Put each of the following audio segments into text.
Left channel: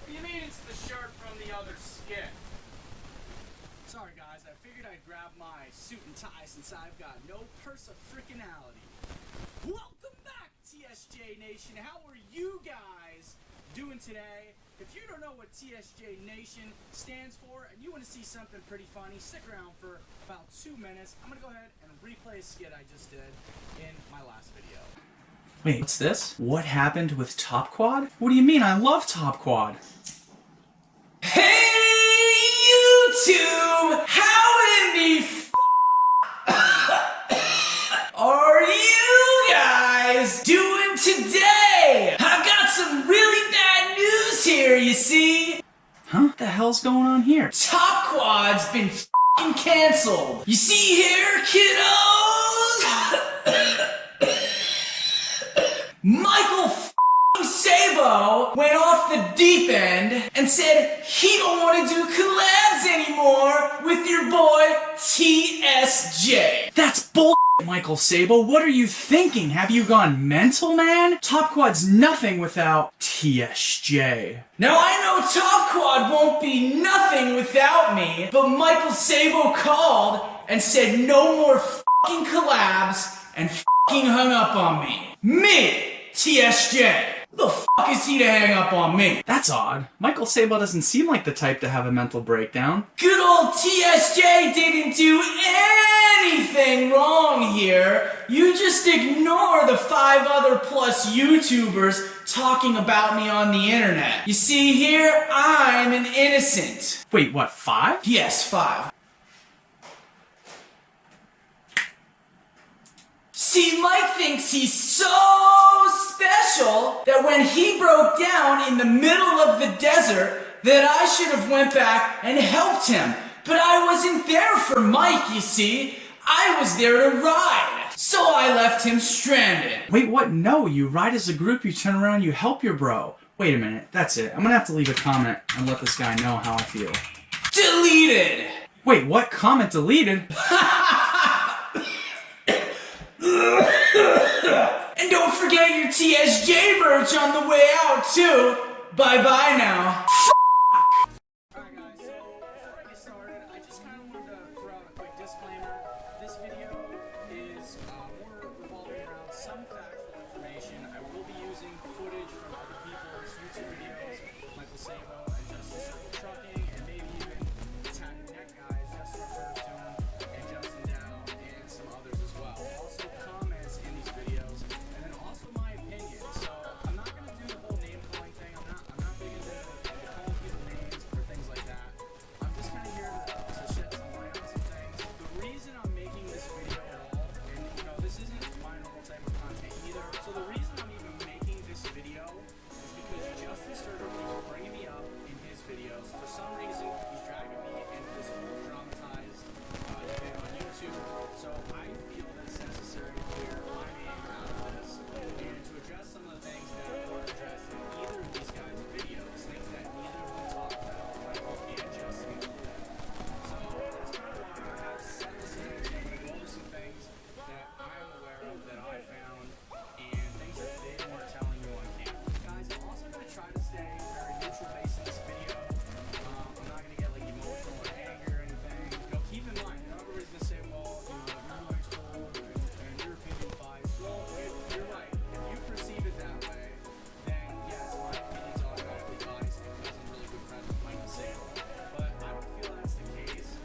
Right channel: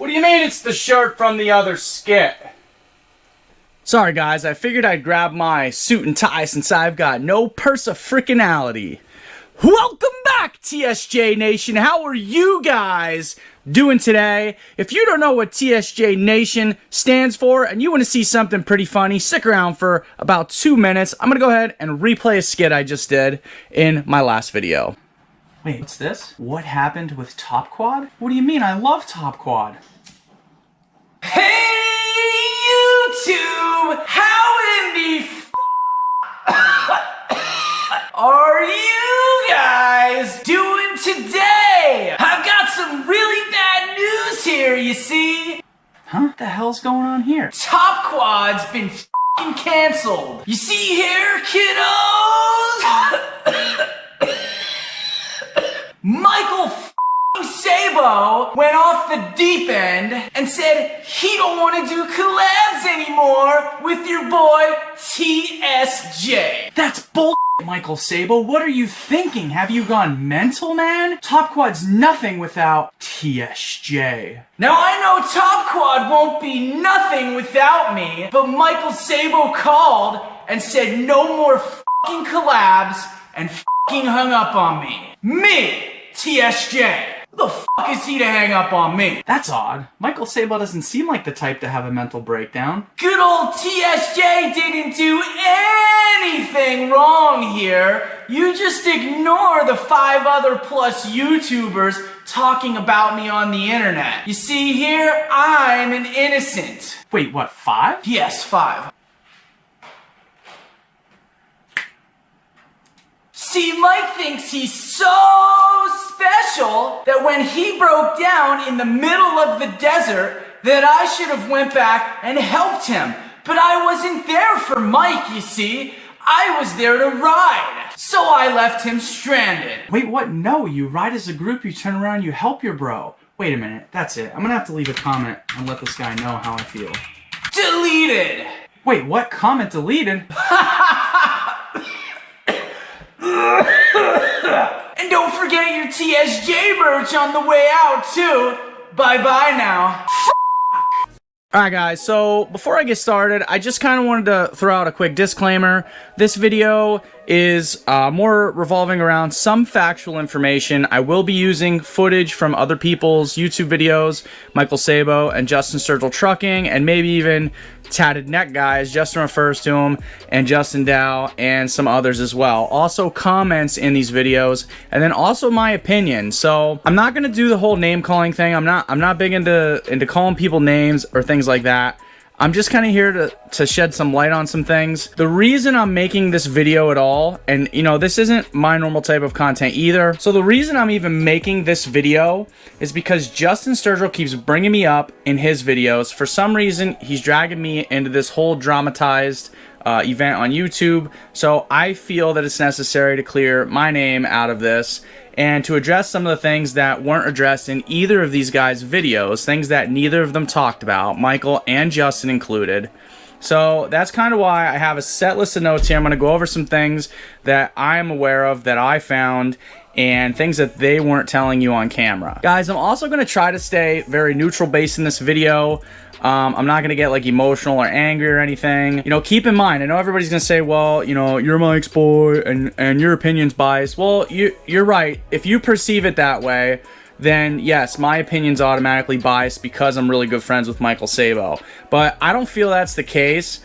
What do you mean it's the shirt from the other skit? Sorry guys, I figured I'd grab my suit and tie since I've got no persa-frickinality. Welcome back, TSJ Nation. How are you guys doing today? If you don't know what TSJ Nation stands for and you want to see something pretty funny, stick around for about 2 minutes. I'm going to go ahead and replay a skit I just did in my last video. Wait, what's this? What happened with Top Quad? What do you mean? I love Top Quad. Hey, YouTube! How in the are you guys doing today? I've got some really bad news here, you see. Huh? What the hell's going on here? Top Quad's been f***ing canceled. You see here, kiddos? Michael f***ing Sabo went off the deep end and said he don't want to do collabs anymore with your boy TSJ. That's bull. Michael Sabo, what are you thinking? Have you gone mental, man? Top Quad's nothing without TSJ. Now I know Top Quad won't be nothing without me, but Michael Sabo called and said no more f***ing collabs and f***ing hung up on me. Me, TSJ. Who the f*** is he to hang up on me? That's odd. Michael Sabo doesn't seem like the type to have a mental breakdown. Good old TSJ didn't do anything wrong here. You just ignore the 5 other plus YouTubers talking about me on the internet. You see here, I'm an innocent. Wait, what, 5? Yes, 5. See, Mike thinks he's so special that when he broke down in the middle of the desert, that I should have went back and helped him. But I wasn't there for Mike, you see. I was there to ride. So I left him stranded. Wait, what? No, you ride as a group, you turn around, you help your bro. Wait a minute, that's it. I'm gonna have to leave a comment and let this guy know how I feel. Deleted! Wait, what? Comment deleted? And don't forget your TSJ merch on the way out, too. Bye-bye now. Alright guys, so before I get started, I just kind of wanted to throw out a quick disclaimer. This video is more revolving around some factual information. I will be using footage from other people's YouTube videos, Michael Sabo and Justin Sturgill Trucking, and maybe even Tatted Neck Guys, Justin refers to them, and Justin Dow, and some others as well. Also comments in these videos, and then also my opinion. So I'm not gonna do the whole name calling thing. I'm not big into calling people names or things like that. I'm just kind of here to shed some light on some things. The reason I'm making this video at all, and you know, this isn't my normal type of content either. So the reason I'm even making this video is because Justin Sturgill keeps bringing me up in his videos. For some reason, he's dragging me into this whole dramatized event on YouTube. So I feel that it's necessary to clear my name out of this and to address some of the things that weren't addressed in either of these guys' videos, things that neither of them talked about, Michael and Justin included. So that's kind of why I have a set list of notes here. I'm going to go over some things that I'm aware of, that I found, and things that they weren't telling you on camera. Guys, I'm also going to try to stay very neutral based in this video. I'm not going to get like emotional or angry or anything. You know, keep in mind, I know everybody's going to say, well, you know, you're Mike's boy and your opinion's biased. Well, you're right. If you perceive it that way, then yes, my opinion's automatically biased because I'm really good friends with Michael Sabo. But I don't feel that's the case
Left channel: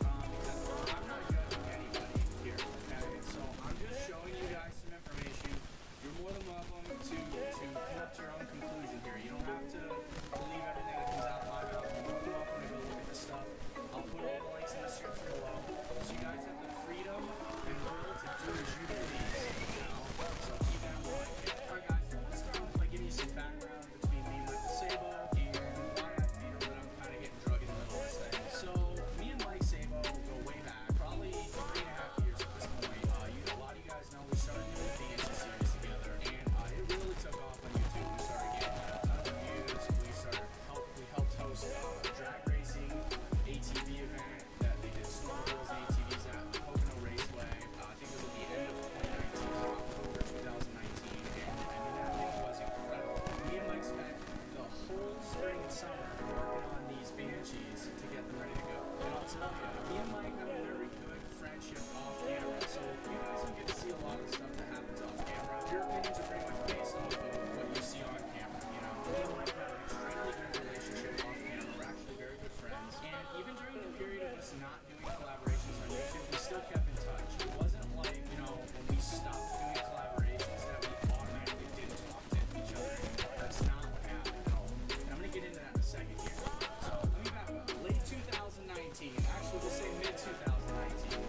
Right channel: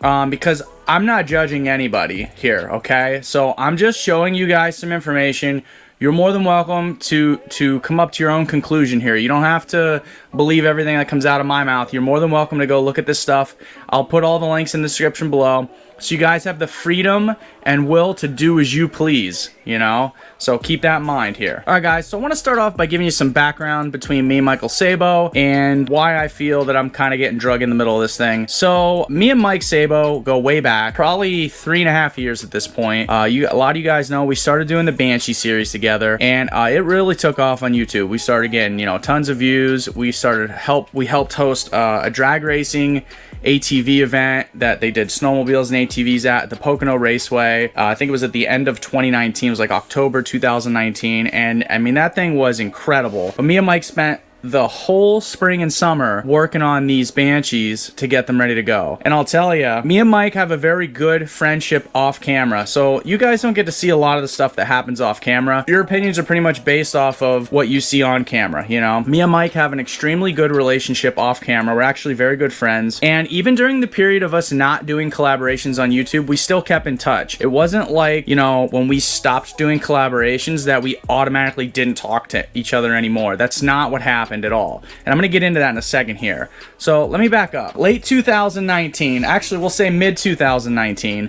because I'm not judging anybody here, okay? So I'm just showing you guys some information. You're more than welcome to come up to your own conclusion here. You don't have to believe everything that comes out of my mouth. You're more than welcome to go look at this stuff. I'll put all the links in the description below. So you guys have the freedom and will to do as you please, you know? So keep that in mind here. Alright guys, so I want to start off by giving you some background between me and Michael Sabo and why I feel that I'm kind of getting drug in the middle of this thing. So me and Mike Sabo go way back, probably 3.5 years at this point. A lot of you guys know we started doing the Banshee series together, and it really took off on YouTube. We started getting, you know, tons of views. We helped host a drag racing ATV event that they did snowmobiles and ATVs at the Pocono Raceway. I think it was at the end of 2019. It was like October 2019, and I mean, that thing was incredible. But me and Mike spent the whole spring and summer working on these Banshees to get them ready to go. And I'll tell you, me and Mike have a very good friendship off camera. So you guys don't get to see a lot of the stuff that happens off camera. Your opinions are pretty much based off of what you see on camera, you know? Me and Mike have an extremely good relationship off camera. We're actually very good friends. And even during the period of us not doing collaborations on YouTube, we still kept in touch. It wasn't like, you know, when we stopped doing collaborations that we automatically didn't talk to each other anymore. That's not what happened at all. And I'm gonna get into that in a second here. So let me back up. Late 2019, actually we'll say mid 2019.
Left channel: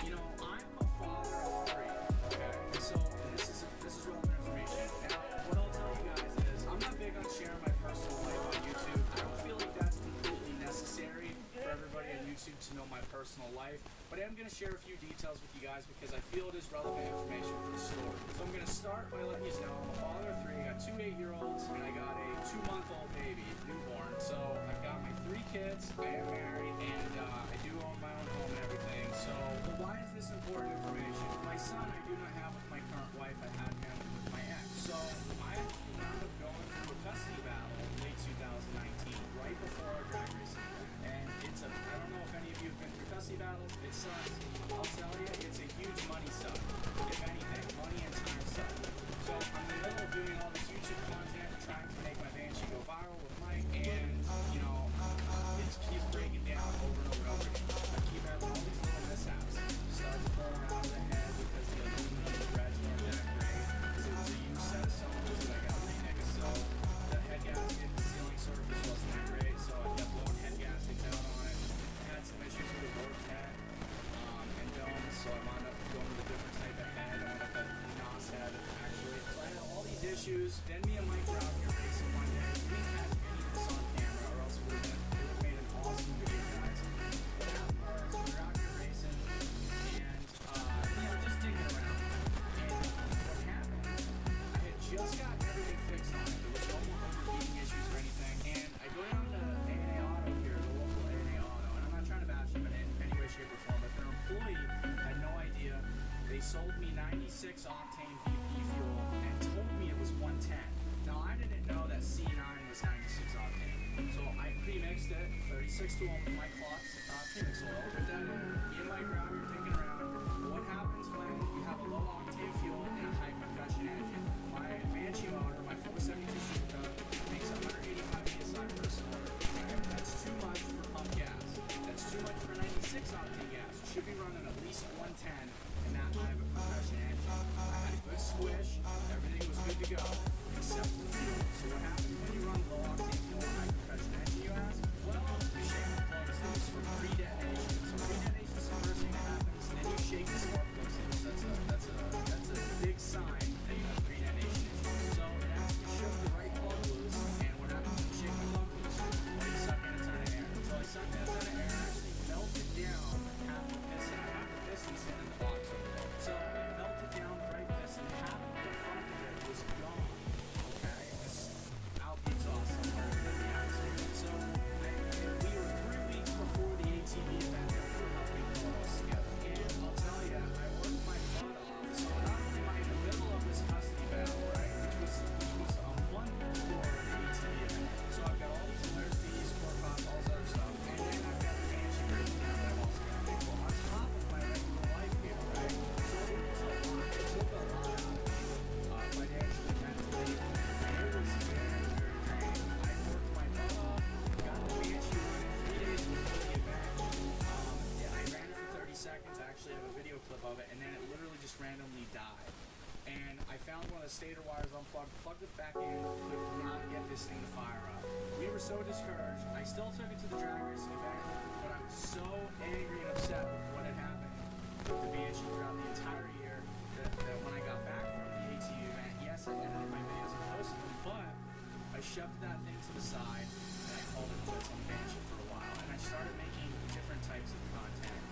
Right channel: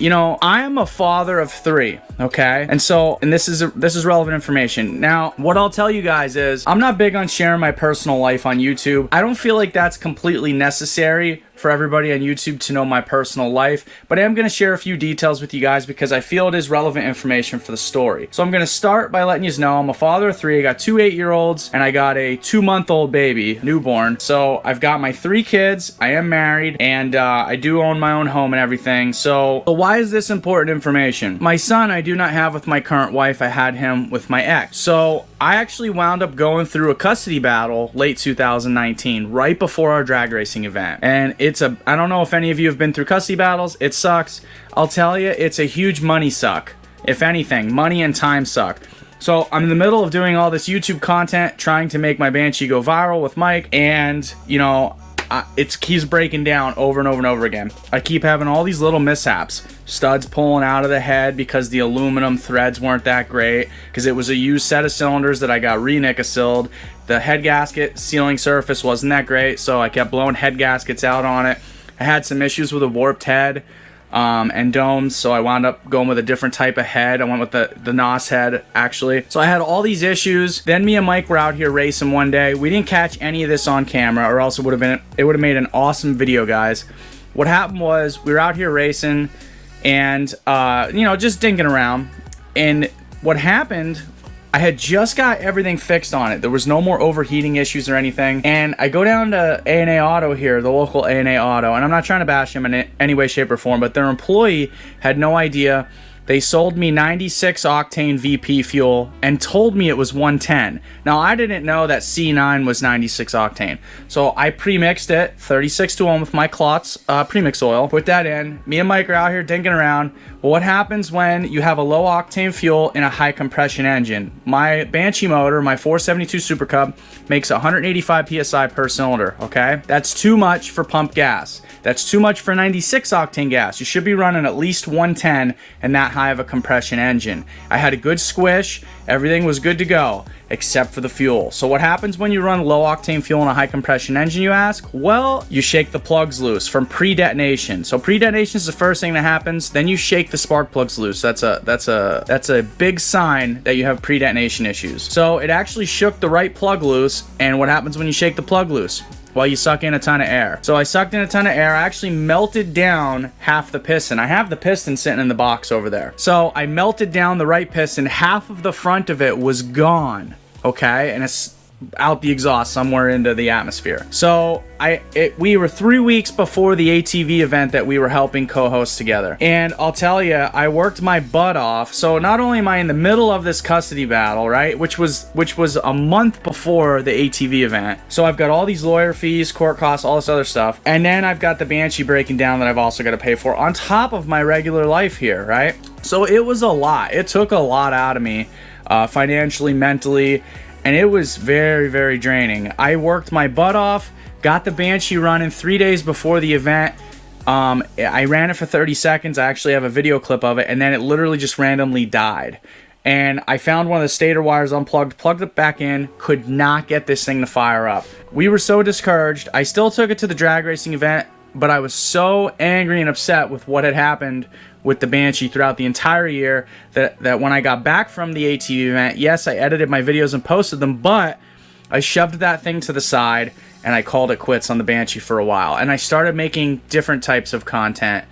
You know, I am a father of 3, okay? And this is relevant information. Now, what I'll tell you guys is I'm not big on sharing my personal life on YouTube. I don't feel like that's completely necessary for everybody on YouTube to know my personal life, but I am going to share a few details with you guys because I feel it is relevant information for the story. So I'm going to start by letting you know I'm a father of 3. I got 2 8-year-olds and I got a 2-month-old baby, newborn. So I've got my 3 kids, I am married, and I do own my own home and everything. So why is this important information? My son I do not have with my current wife. I had him with my ex. So I actually wound up going through a custody battle late 2019, right before our drag racing event. And I don't know if any of you have been through custody battles. It sucks. I'll tell you, it's a huge money suck. If anything, money and time suck. So I'm in the middle of doing all this YouTube content, trying to make my Banshee go viral with Mike, and you know, it keeps breaking down over and over and over again. I keep having all these little mishaps. Studs pulling out of the head because the aluminum threads weren't that great, because it was a used set of cylinders that I got re-nickel-sealed. The head gasket sealing surface wasn't that great, so I kept blowing head gaskets out on it. I had some issues with a warped head and domes, so I wound up going with a different type of head. I went with the NOS head, actually. So I had all these issues. Then me and Mike were out here racing one day. We didn't catch any of this on camera, or else it would have made an awesome video, guys. What happened was we were out here racing and you know, just dinking around, and what happened, I had just got everything fixed on it. There was no more overheating issues or anything. And I go down to A&A Auto here, the local A&A Auto, and I'm not trying to bash them in any way, shape, or form, but their employee had no idea. They sold me 96 octane VP fuel and told me it was 110. Now, I didn't know that C9 was 96 octane. So I pre-mixed it, 36 to 1 with my Klotz premix oil. Put that in. Me and Mike are out here dinking around. Well, what happens when you have a low octane fuel in a high compression engine? My Banshee motor, my 472 Super Cub, makes 185 PSI per cylinder, okay? That's too much for pump gas. That's too much for 96 octane gas. You should be running at least 110 and that high of a compression engine. I had a good squish. Everything was good to go, except for the fuel. So what happens when you run low octane fuel in a high compression engine, you ask? Well, you shake the plugs loose from pre-detonation. So pre-detonation is the first thing that happens. Then you shake the spark plugs loose. That's a big sign that you have pre-detonation issues. So it actually shook the right plug loose. And what happens when you shake the plug loose? Well, you suck in a ton of air. So I sucked in a ton of air. I actually melted down half the piston. I have the piston sitting in the box over there. So I melted down the right piston. Half of the front of it was gone, okay? And it's out the exhaust somewhere into the atmosphere. So we were 3 weeks before the ATV event that we were helping co-host together. And I'll tell you, I worked my butt off. So not only am I in the middle of this custody battle, right, which was a month before the ATV event. So I've got all these lawyer fees, court costs, all this other stuff. And then I've got the Banshee breaking down that I've also got to pay for on top of my regular life here, right? So it was a lot. It took a lot out of me, financially, mentally, and it was very, very draining. I worked my butt off, got the Banshee running 3 days before the event. I ran it for 30 seconds. I actually have a video clip of it, and then it literally just randomly died. And I found one of the stator wires unplugged, plugged it back in, could not get this thing to fire up. We were so discouraged. I still took it to the drag racing event, but I was so angry and upset with what had happened with the Banshee throughout the entire year that when I got back from the ATV event, yes, I edited my videos and posted them, but I shoved that thing to the side and I called it quits on the Banshee for a while. And I started making different types of content,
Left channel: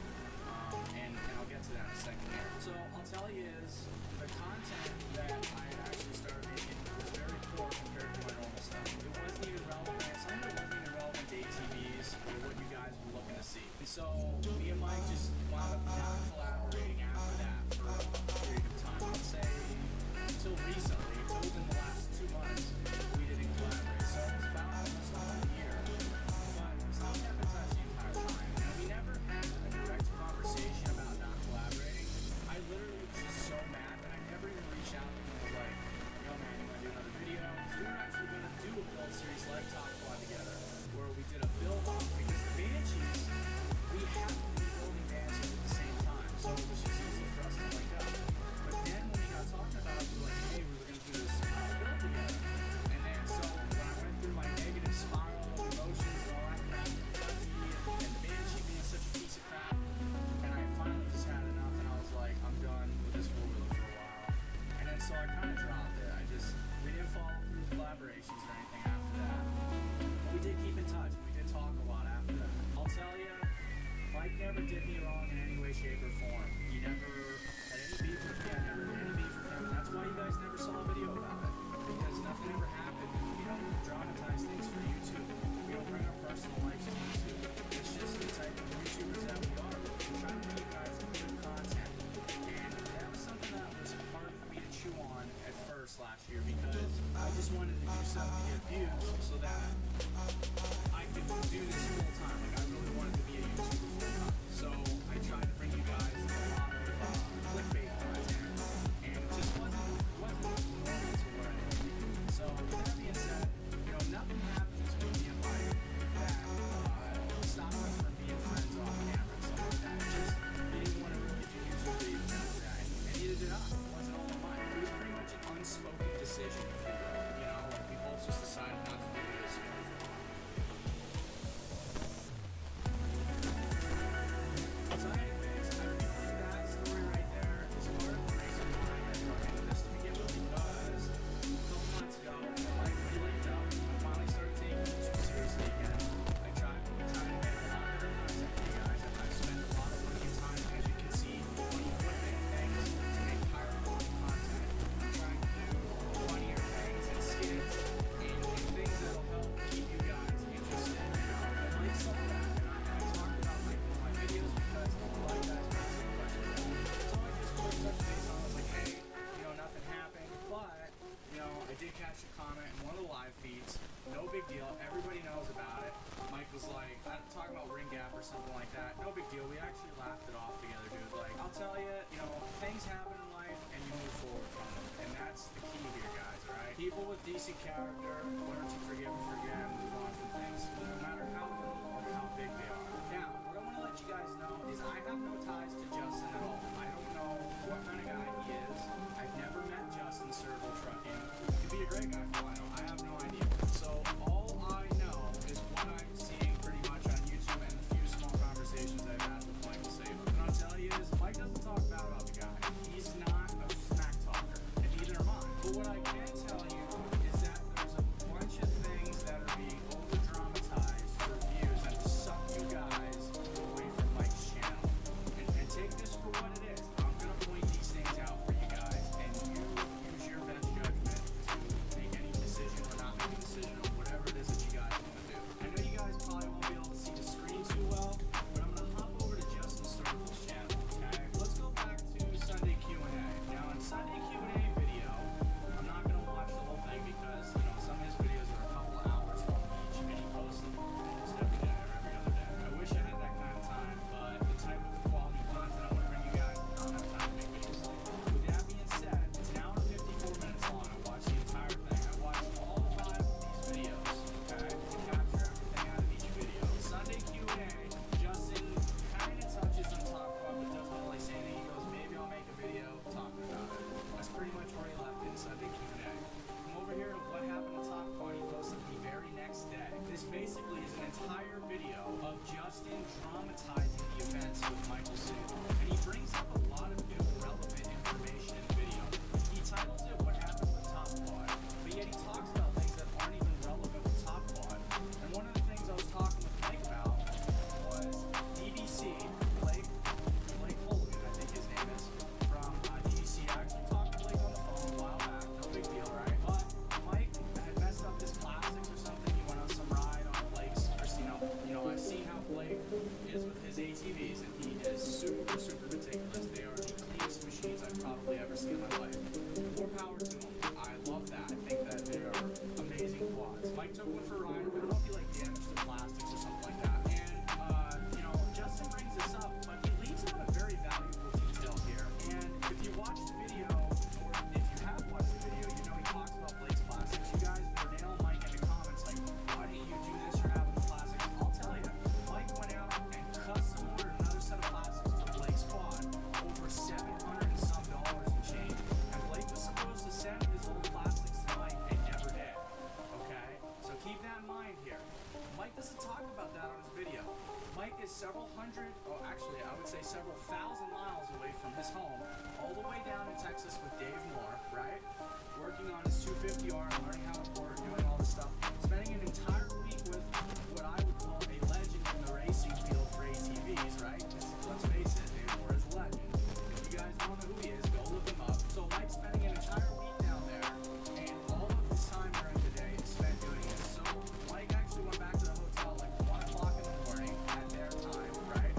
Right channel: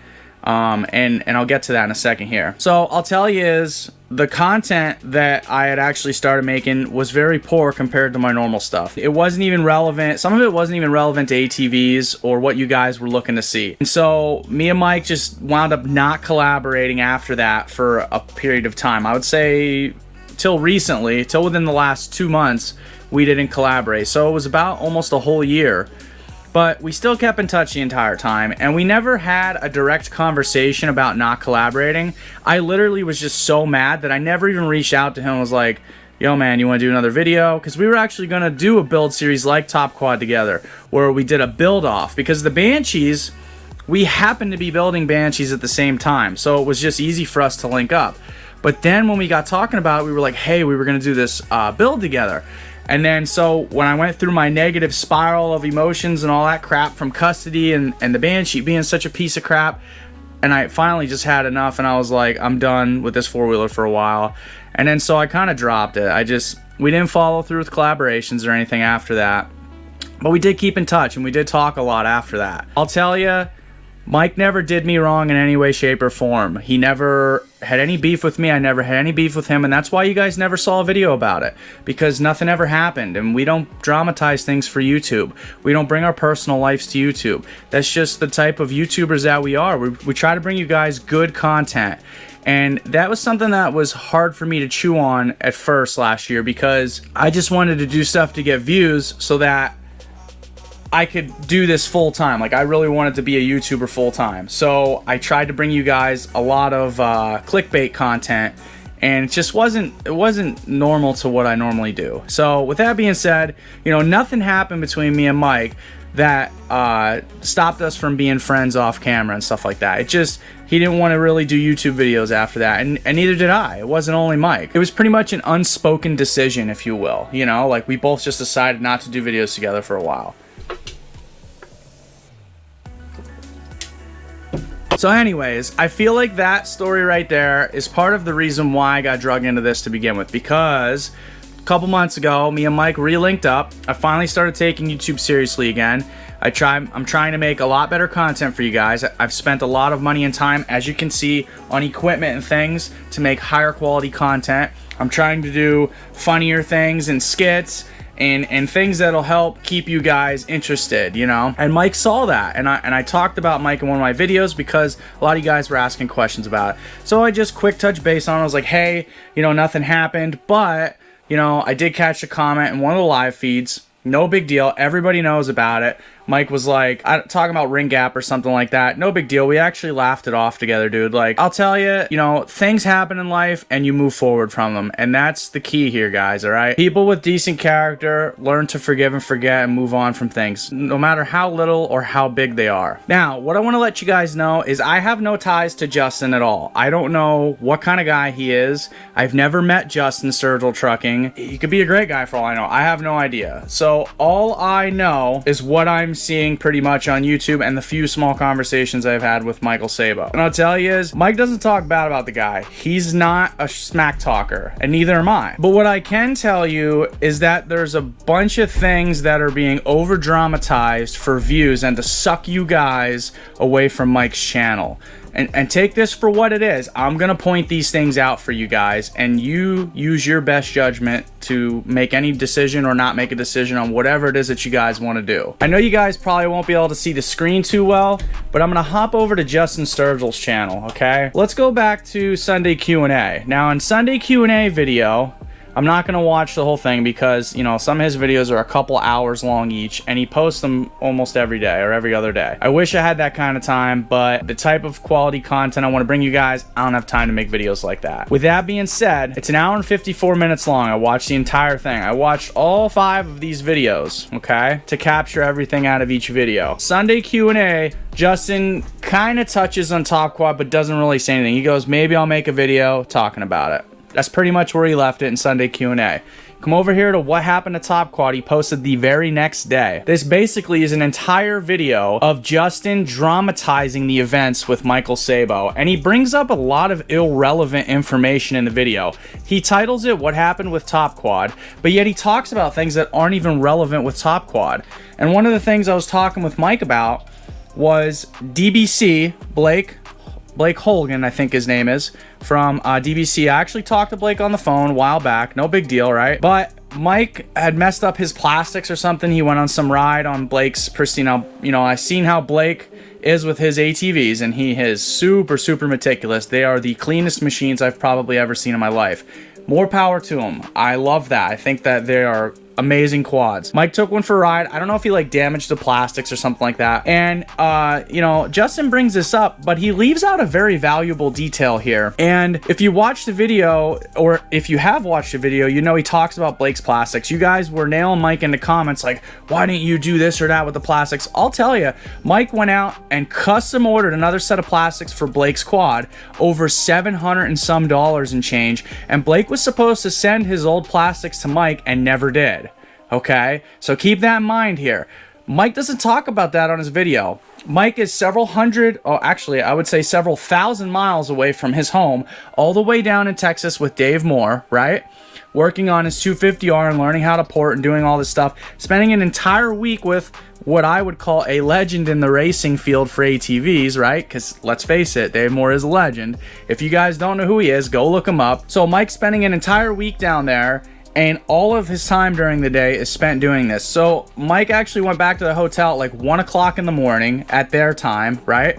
and I'll get to that in a second here. So I'll tell you is the content that I had actually started making was very poor compared to my normal stuff. It wasn't even relevant. Some of it wasn't even relevant to ATVs or what you guys were looking to see. And so me and Mike just wound up not collaborating after that for a period of time. I would say till recently, till within the last 2 months, we didn't collaborate. So it was about almost a whole year. But we still kept in touch the entire time, and we never had a direct conversation about not collaborating. I literally was just so mad that I never even reached out to him and was like, yo man, you want to do another video? Because we were actually going to do a build series like Top Quad together, where we did a build off, because the Banshees, we happened to be building Banshees at the same time, so it was just easy for us to link up. But then when we got talking about it, we were like, hey, we were going to do this build together. And then so when I went through my negative spiral of emotions and all that crap from custody and the Banshee being such a piece of crap, and I finally just had enough, and I was like, I'm done with this four-wheeler for a while. And then so I kind of dropped it. We didn't follow through with collaborations or anything after that. But we did keep in touch, and we did talk a lot after that. I'll tell you, Mike never did me wrong in any way, shape, or form. He never had any beef with me. I never had any beef with him, and that's why you guys never saw a video about it, because nothing ever happened, and we don't dramatize things for YouTube. We don't bring our personal lives to YouTube. That's just the type of YouTubers that we are. We try to bring you guys good content, and that was something that was hard for me to chew on at first last year, because I just wanted to do stuff to get views so that I could do this full time. Like, I really wanted to be a YouTuber full time. So I tried to bring you guys a lot of clickbait content, and it just wasn't normal to what I normally do. So with that being said, you know, nothing happened between me and Mike that stopped us from being friends off camera and stuff like that. It just, he didn't want to really do YouTube videos after that, and neither did I. It wasn't only Mike. It was pretty much an unspoken decision, if you will. You know, like, we both just decided not to do videos together for a while. So anyways, I feel like that story right there is part of the reason why I got drugged into this to begin with, because a couple months ago, me and Mike re-linked up. I finally started taking YouTube seriously again. I'm trying to make a lot better content for you guys. I've spent a lot of money and time, as you can see, on equipment and things to make higher quality content. I'm trying to do funnier things and skits and things that'll help keep you guys interested, you know. And Mike saw that, and I talked about Mike in one of my videos because a lot of you guys were asking questions about it. So I just quick touch base on it. I was like, hey, you know, nothing happened, but you know, I did catch a comment in one of the live feeds. No big deal, everybody knows about it. Mike was like, talking about ring gap or something like that. No big deal. We actually laughed it off together, dude. Like, I'll tell you, you know, things happen in life and you move forward from them. And that's the key here, guys, all right? People with decent character learn to forgive and forget and move on from things, no matter how little or how big they are. Now, what I want to let you guys know is I have no ties to Justin at all. I don't know what kind of guy he is. I've never met Justin Sturgill Trucking. He could be a great guy for all I know. I have no idea. So all I know is what I'm seeing pretty much on YouTube and the few small conversations I've had with Michael Sabo. And I'll tell you is, Mike doesn't talk bad about the guy. He's not a smack talker, and neither am I. But what I can tell you is that there's a bunch of things that are being over dramatized for views and to suck you guys away from Mike's channel. And take this for what it is. I'm gonna point these things out for you guys, and you use your best judgment to make any decision or not make a decision on whatever it is that you guys want to do. I know you guys probably won't be able to see the screen too well, but I'm gonna hop over to Justin Sturgill's channel, okay? Let's go back to Sunday Q&A. Now, in Sunday Q&A video, I'm not gonna watch the whole thing because, you know, some of his videos are a couple hours long each, and he posts them almost every day or every other day. I wish I had that kind of time, but the type of quality content I want to bring you guys, I don't have time to make videos like that. With that being said, it's an hour and 54 minutes long. I watched the entire thing. I watched all 5 of these videos, okay, to capture everything out of each video. Sunday Q&A, Justin kind of touches on Top Quad, but doesn't really say anything. He goes, maybe I'll make a video talking about it. That's pretty much where he left it in Sunday Q&A. Come over here to what happened to Top Quad. He posted the very next day. This basically is an entire video of Justin dramatizing the events with Michael Sabo, and he brings up a lot of irrelevant information in the video. He titles it What Happened with Top Quad, but yet he talks about things that aren't even relevant with Top Quad. And one of the things I was talking with Mike about was DBC, Blake Holgan, I think his name is, from DBC. I actually talked to Blake on the phone a while back. No big deal, right? But Mike had messed up his plastics or something. He went on some ride on Blake's pristine. You know, I seen how Blake is with his ATVs, and he is super, super meticulous. They are the cleanest machines I've probably ever seen in my life. More power to him. I love that. I think that they are amazing quads. Mike took one for a ride. I don't know if he like damaged the plastics or something like that. And you know, Justin brings this up, but he leaves out a very valuable detail here. And if you watch the video, or if you have watched the video, you know he talks about Blake's plastics. You guys were nailing Mike in the comments like, why didn't you do this or that with the plastics? I'll tell you, Mike went out and custom ordered another set of plastics for Blake's quad, over $700 and some and change, and Blake was supposed to send his old plastics to Mike and never did. Okay, so keep that in mind here. Mike doesn't talk about that on his video. Mike is several hundred, or actually I would say several thousand miles away from his home, all the way down in Texas with Dave Moore, right? Working on his 250R and learning how to port and doing all this stuff, spending an entire week with what I would call a legend in the racing field for ATVs, right? Because let's face it, Dave Moore is a legend. If you guys don't know who he is, go look him up. So Mike's spending an entire week down there, and all of his time during the day is spent doing this. So Mike actually went back to the hotel at like 1 o'clock in the morning at their time, right?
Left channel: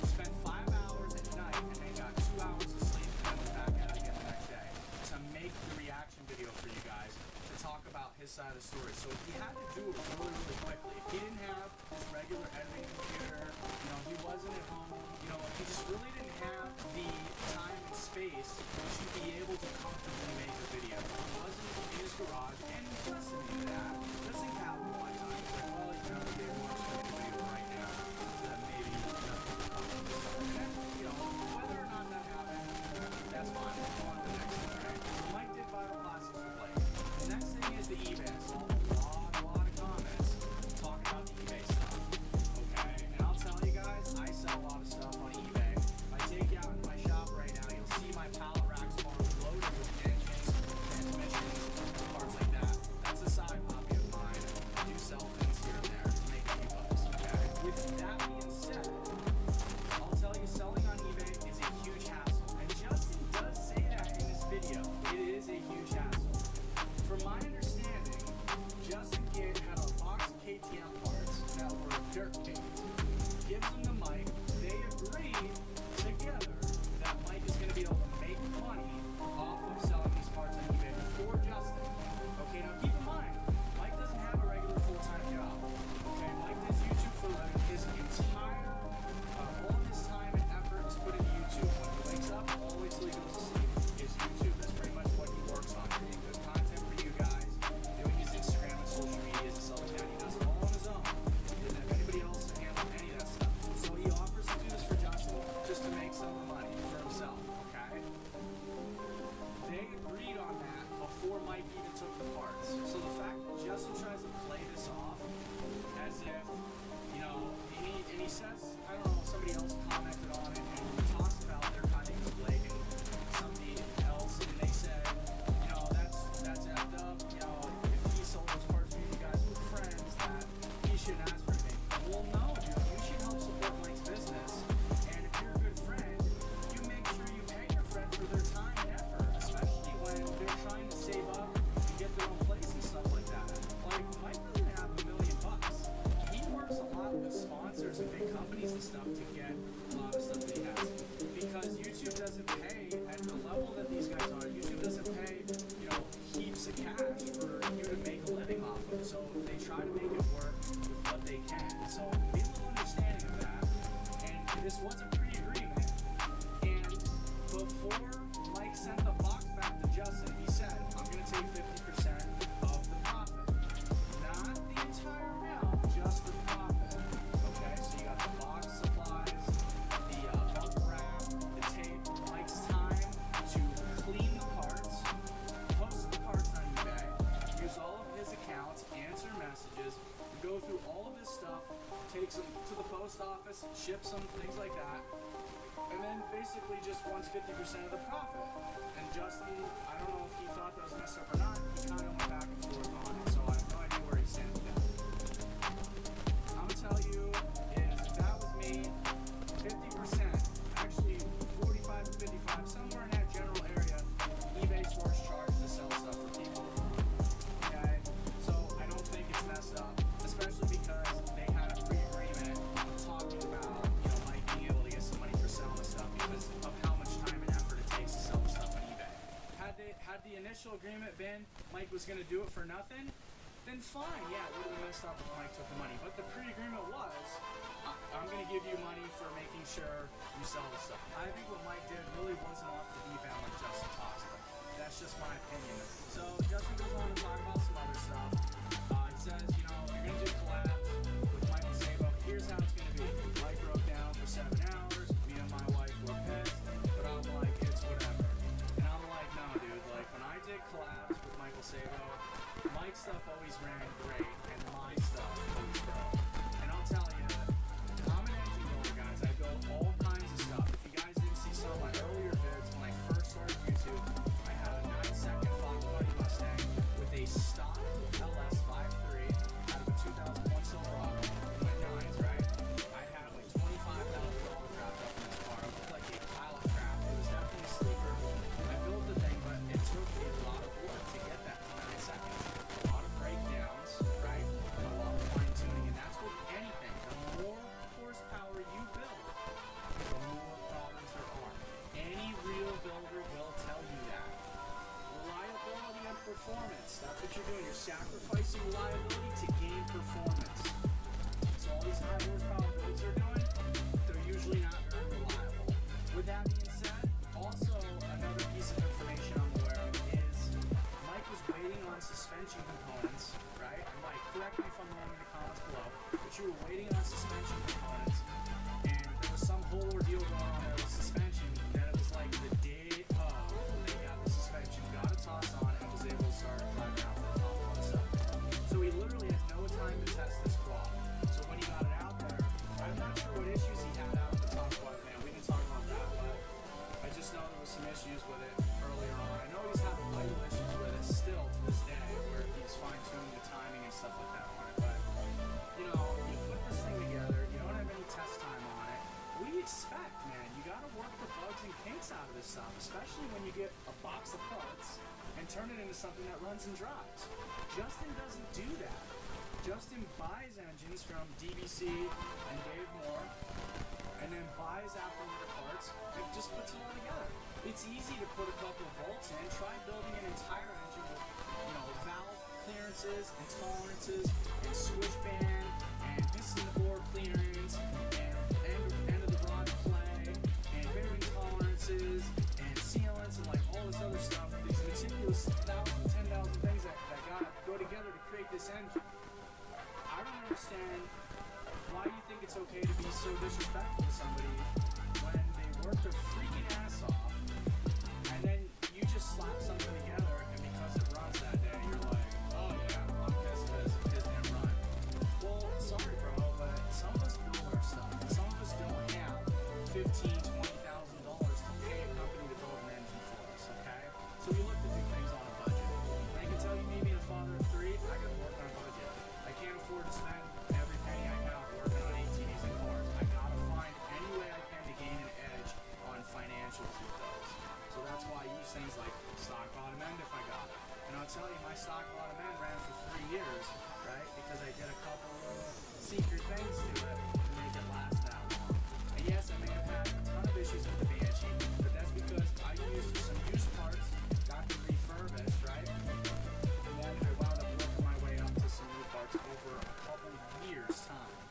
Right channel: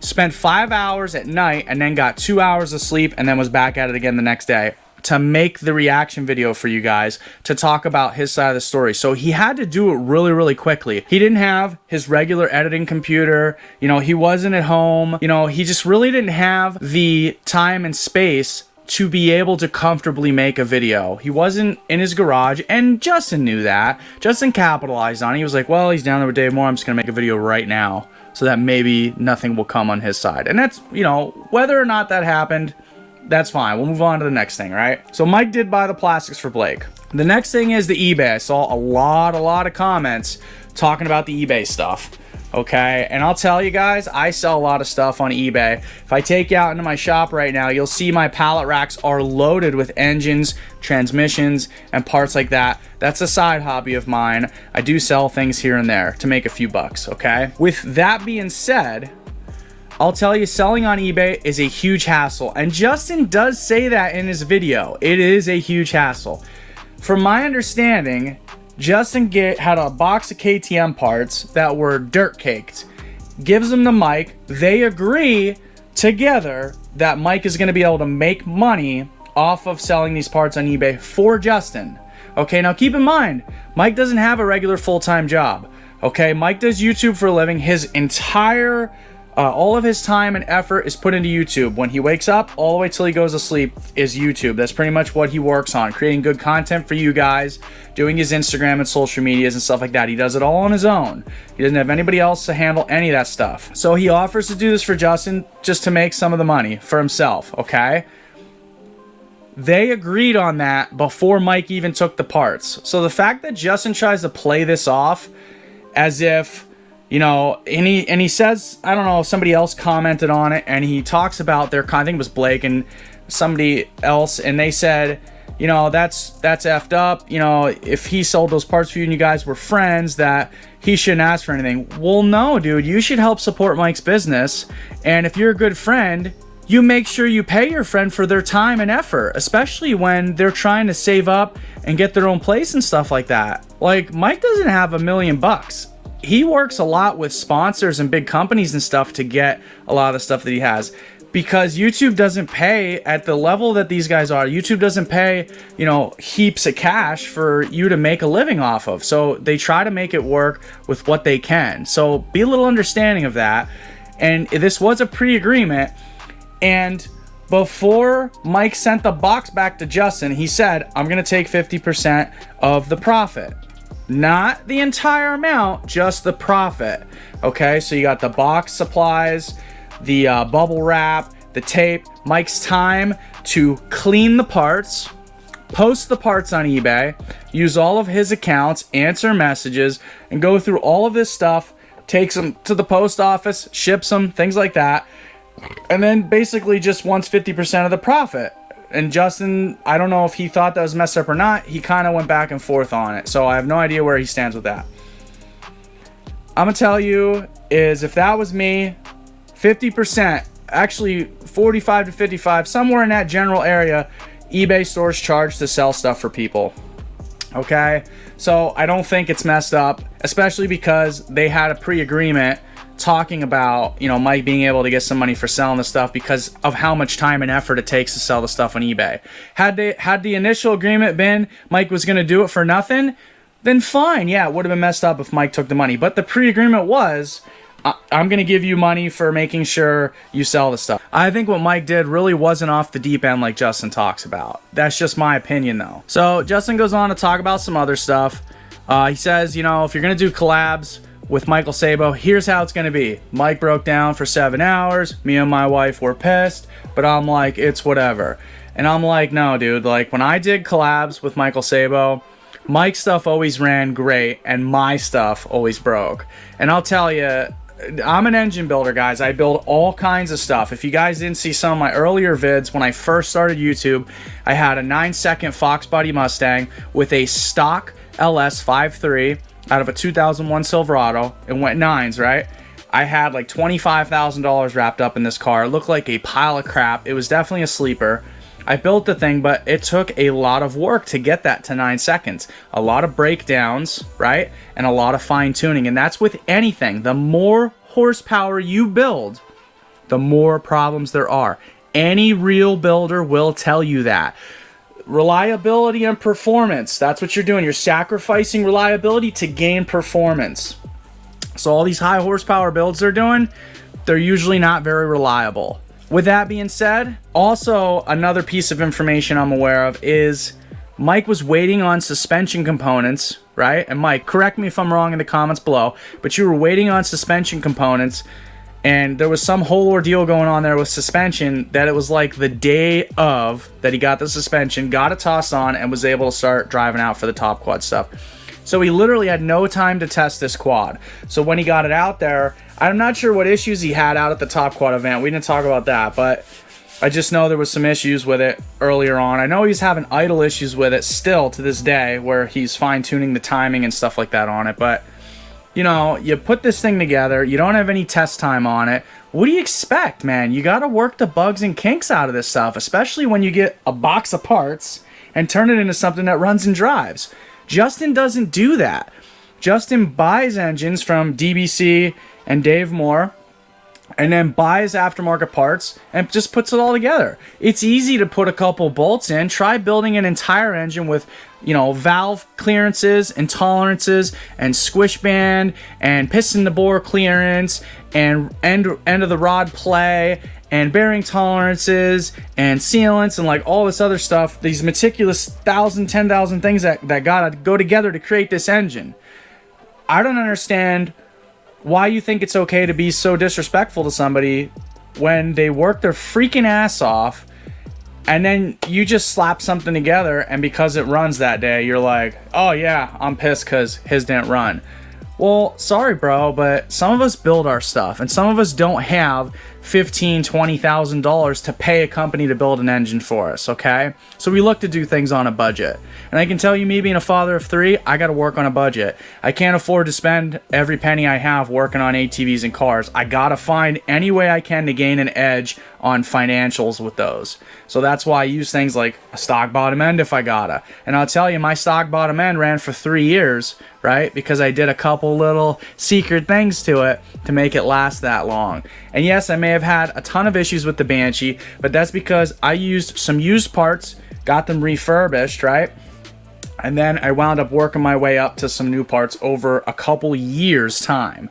Spent 5 hours at night and then got 2 hours of sleep and then was back at it again the next day to make the reaction video for you guys to talk about his side of the story. So he had to do it really, really quickly. He didn't have his regular editing computer. You know, he wasn't at home. You know, he just really didn't have the time and space to be able to comfortably make a video. He wasn't in his garage, and Justin knew that. Justin capitalized on it. He was like, well, he's down there with Dave Moore, I'm just gonna make a video right now so that maybe nothing will come on his side. And that's, you know, whether or not that happened, that's fine. We'll move on to the next thing, right? So Mike did buy the plastics for Blake. The next thing is the eBay. I saw a lot of comments talking about the eBay stuff. Okay, and I'll tell you guys, I sell a lot of stuff on eBay. If I take you out into my shop right now, you'll see my pallet racks are loaded with engines, transmissions, and parts like that. That's a side hobby of mine. I do sell things here and there to make a few bucks, okay? With that being said, I'll tell you, selling on eBay is a huge hassle, and Justin does say that in his video. It is a huge hassle. From my understanding, Justin had a box of KTM parts that were dirt caked, gives them to Mike. They agree together that Mike is going to be able to make money off of selling these parts on eBay for Justin. Okay, now keep in mind, Mike doesn't have a regular full-time job. Okay, Mike does YouTube for a living. His entire all of his time and effort is put into YouTube. When he wakes up all the way till he goes to sleep is YouTube. That's pretty much what he works on, creating good content for you guys, doing his Instagram and social medias and stuff like that. He does it all on his own. He doesn't have anybody else to handle any of that stuff. So he offers to do this for Justin just to make some of the money for himself, okay? They agreed on that before Mike even took the parts. So the fact that Justin tries to play this off as if, you know, and he says, I don't know, somebody else commented on it, and he talks about their, I think it was Blake and somebody else, and they said, you know, that's effed up. You know, if he sold those parts for you and you guys were friends, that he shouldn't ask for anything. Well, no, dude, you should help support Mike's business. And if you're a good friend, you make sure you pay your friend for their time and effort, especially when they're trying to save up and get their own place and stuff like that. Like, Mike doesn't have $1 million. He works a lot with sponsors and big companies and stuff to get a lot of the stuff that he has, because YouTube doesn't pay at the level that these guys are. YouTube doesn't pay, you know, heaps of cash for you to make a living off of. So they try to make it work with what they can. So be a little understanding of that. And this was a pre-agreement. And before Mike sent the box back to Justin, he said, I'm going to take 50% of the profit. Not the entire amount, just the profit. Okay, so you got the box supplies, the bubble wrap, the tape, Mike's time to clean the parts, post the parts on eBay, use all of his accounts, answer messages, and go through all of this stuff, takes them to the post office, ships them, things like that, and then basically just wants 50% of the profit. And Justin, I don't know if he thought that was messed up or not. He kind of went back and forth on it. So I have no idea where he stands with that. I'm going to tell you is, if that was me, 50%, actually 45 to 55, somewhere in that general area, eBay stores charge to sell stuff for people. Okay? So I don't think it's messed up, especially because they had a pre-agreement talking about, you know, Mike being able to get some money for selling the stuff because of how much time and effort it takes to sell the stuff on eBay. Had the initial agreement been Mike was going to do it for nothing, then fine. Yeah, it would have been messed up if Mike took the money. But the pre-agreement was, I'm going to give you money for making sure you sell the stuff. I think what Mike did really wasn't off the deep end like Justin talks about. That's just my opinion, though. So Justin goes on to talk about some other stuff. He says, you know, if you're going to do collabs with Michael Sabo, here's how it's going to be. Mike broke down for 7 hours. Me and my wife were pissed, but I'm like, it's whatever. And I'm like, no, dude. Like, when I did collabs with Michael Sabo, Mike's stuff always ran great, and my stuff always broke. And I'll tell you, I'm an engine builder, guys. I build all kinds of stuff. If you guys didn't see some of my earlier vids, when I first started YouTube, I had a 9-second Fox Body Mustang with a stock LS 5.3 out of a 2001 Silverado. It went 9s, right? I had like $25,000 wrapped up in this car. It looked like a pile of crap. It was definitely a sleeper. I built the thing, but it took a lot of work to get that to 9 seconds. A lot of breakdowns, right? And a lot of fine tuning. And that's with anything. The more horsepower you build, the more problems there are. Any real builder will tell you that. Reliability and performance, that's what you're doing. You're sacrificing reliability to gain performance. So all these high horsepower builds they're doing, they're usually not very reliable. With that being said, also another piece of information I'm aware of is Mike was waiting on suspension components, right? And Mike, correct me if I'm wrong in the comments below, but you were waiting on suspension components, and there was some whole ordeal going on there with suspension that it was like the day of that he got the suspension, got it tossed on, and was able to start driving out for the top quad stuff. So he literally had no time to test this quad. So when he got it out there, I'm not sure what issues he had out at the top quad event. We didn't talk about that, but I just know there was some issues with it earlier on. I know he's having idle issues with it still to this day, where he's fine-tuning the timing and stuff like that on it, but you know, you put this thing together, you don't have any test time on it. What do you expect, man? You got to work the bugs and kinks out of this stuff, especially when you get a box of parts and turn it into something that runs and drives. Justin doesn't do that. Justin buys engines from DBC and Dave Moore, and then buys aftermarket parts and just puts it all together. It's easy to put a couple bolts in. Try building an entire engine with, you know, valve clearances and tolerances and squish band and piston to bore clearance and end of the rod play and bearing tolerances and sealants and like all this other stuff. These meticulous 1,000, 10,000 things that gotta go together to create this engine. I don't understand why you think it's okay to be so disrespectful to somebody when they work their freaking ass off and then you just slap something together, and because it runs that day, you're like, oh yeah, I'm pissed because his didn't run. Well, sorry bro, but some of us build our stuff, and some of us don't have $15,000, $20,000 to pay a company to build an engine for us, okay? So we look to do things on a budget. And I can tell you, me being a father of 3, I gotta work on a budget. I can't afford to spend every penny I have working on ATVs and cars. I gotta find any way I can to gain an edge on financials with those. So that's why I use things like a stock bottom end if I gotta. And I'll tell you, my stock bottom end ran for 3 years, right? Because I did a couple little secret things to it to make it last that long. And yes, I may have had a ton of issues with the Banshee, but that's because I used some used parts, got them refurbished, right? And then I wound up working my way up to some new parts over a couple years' time.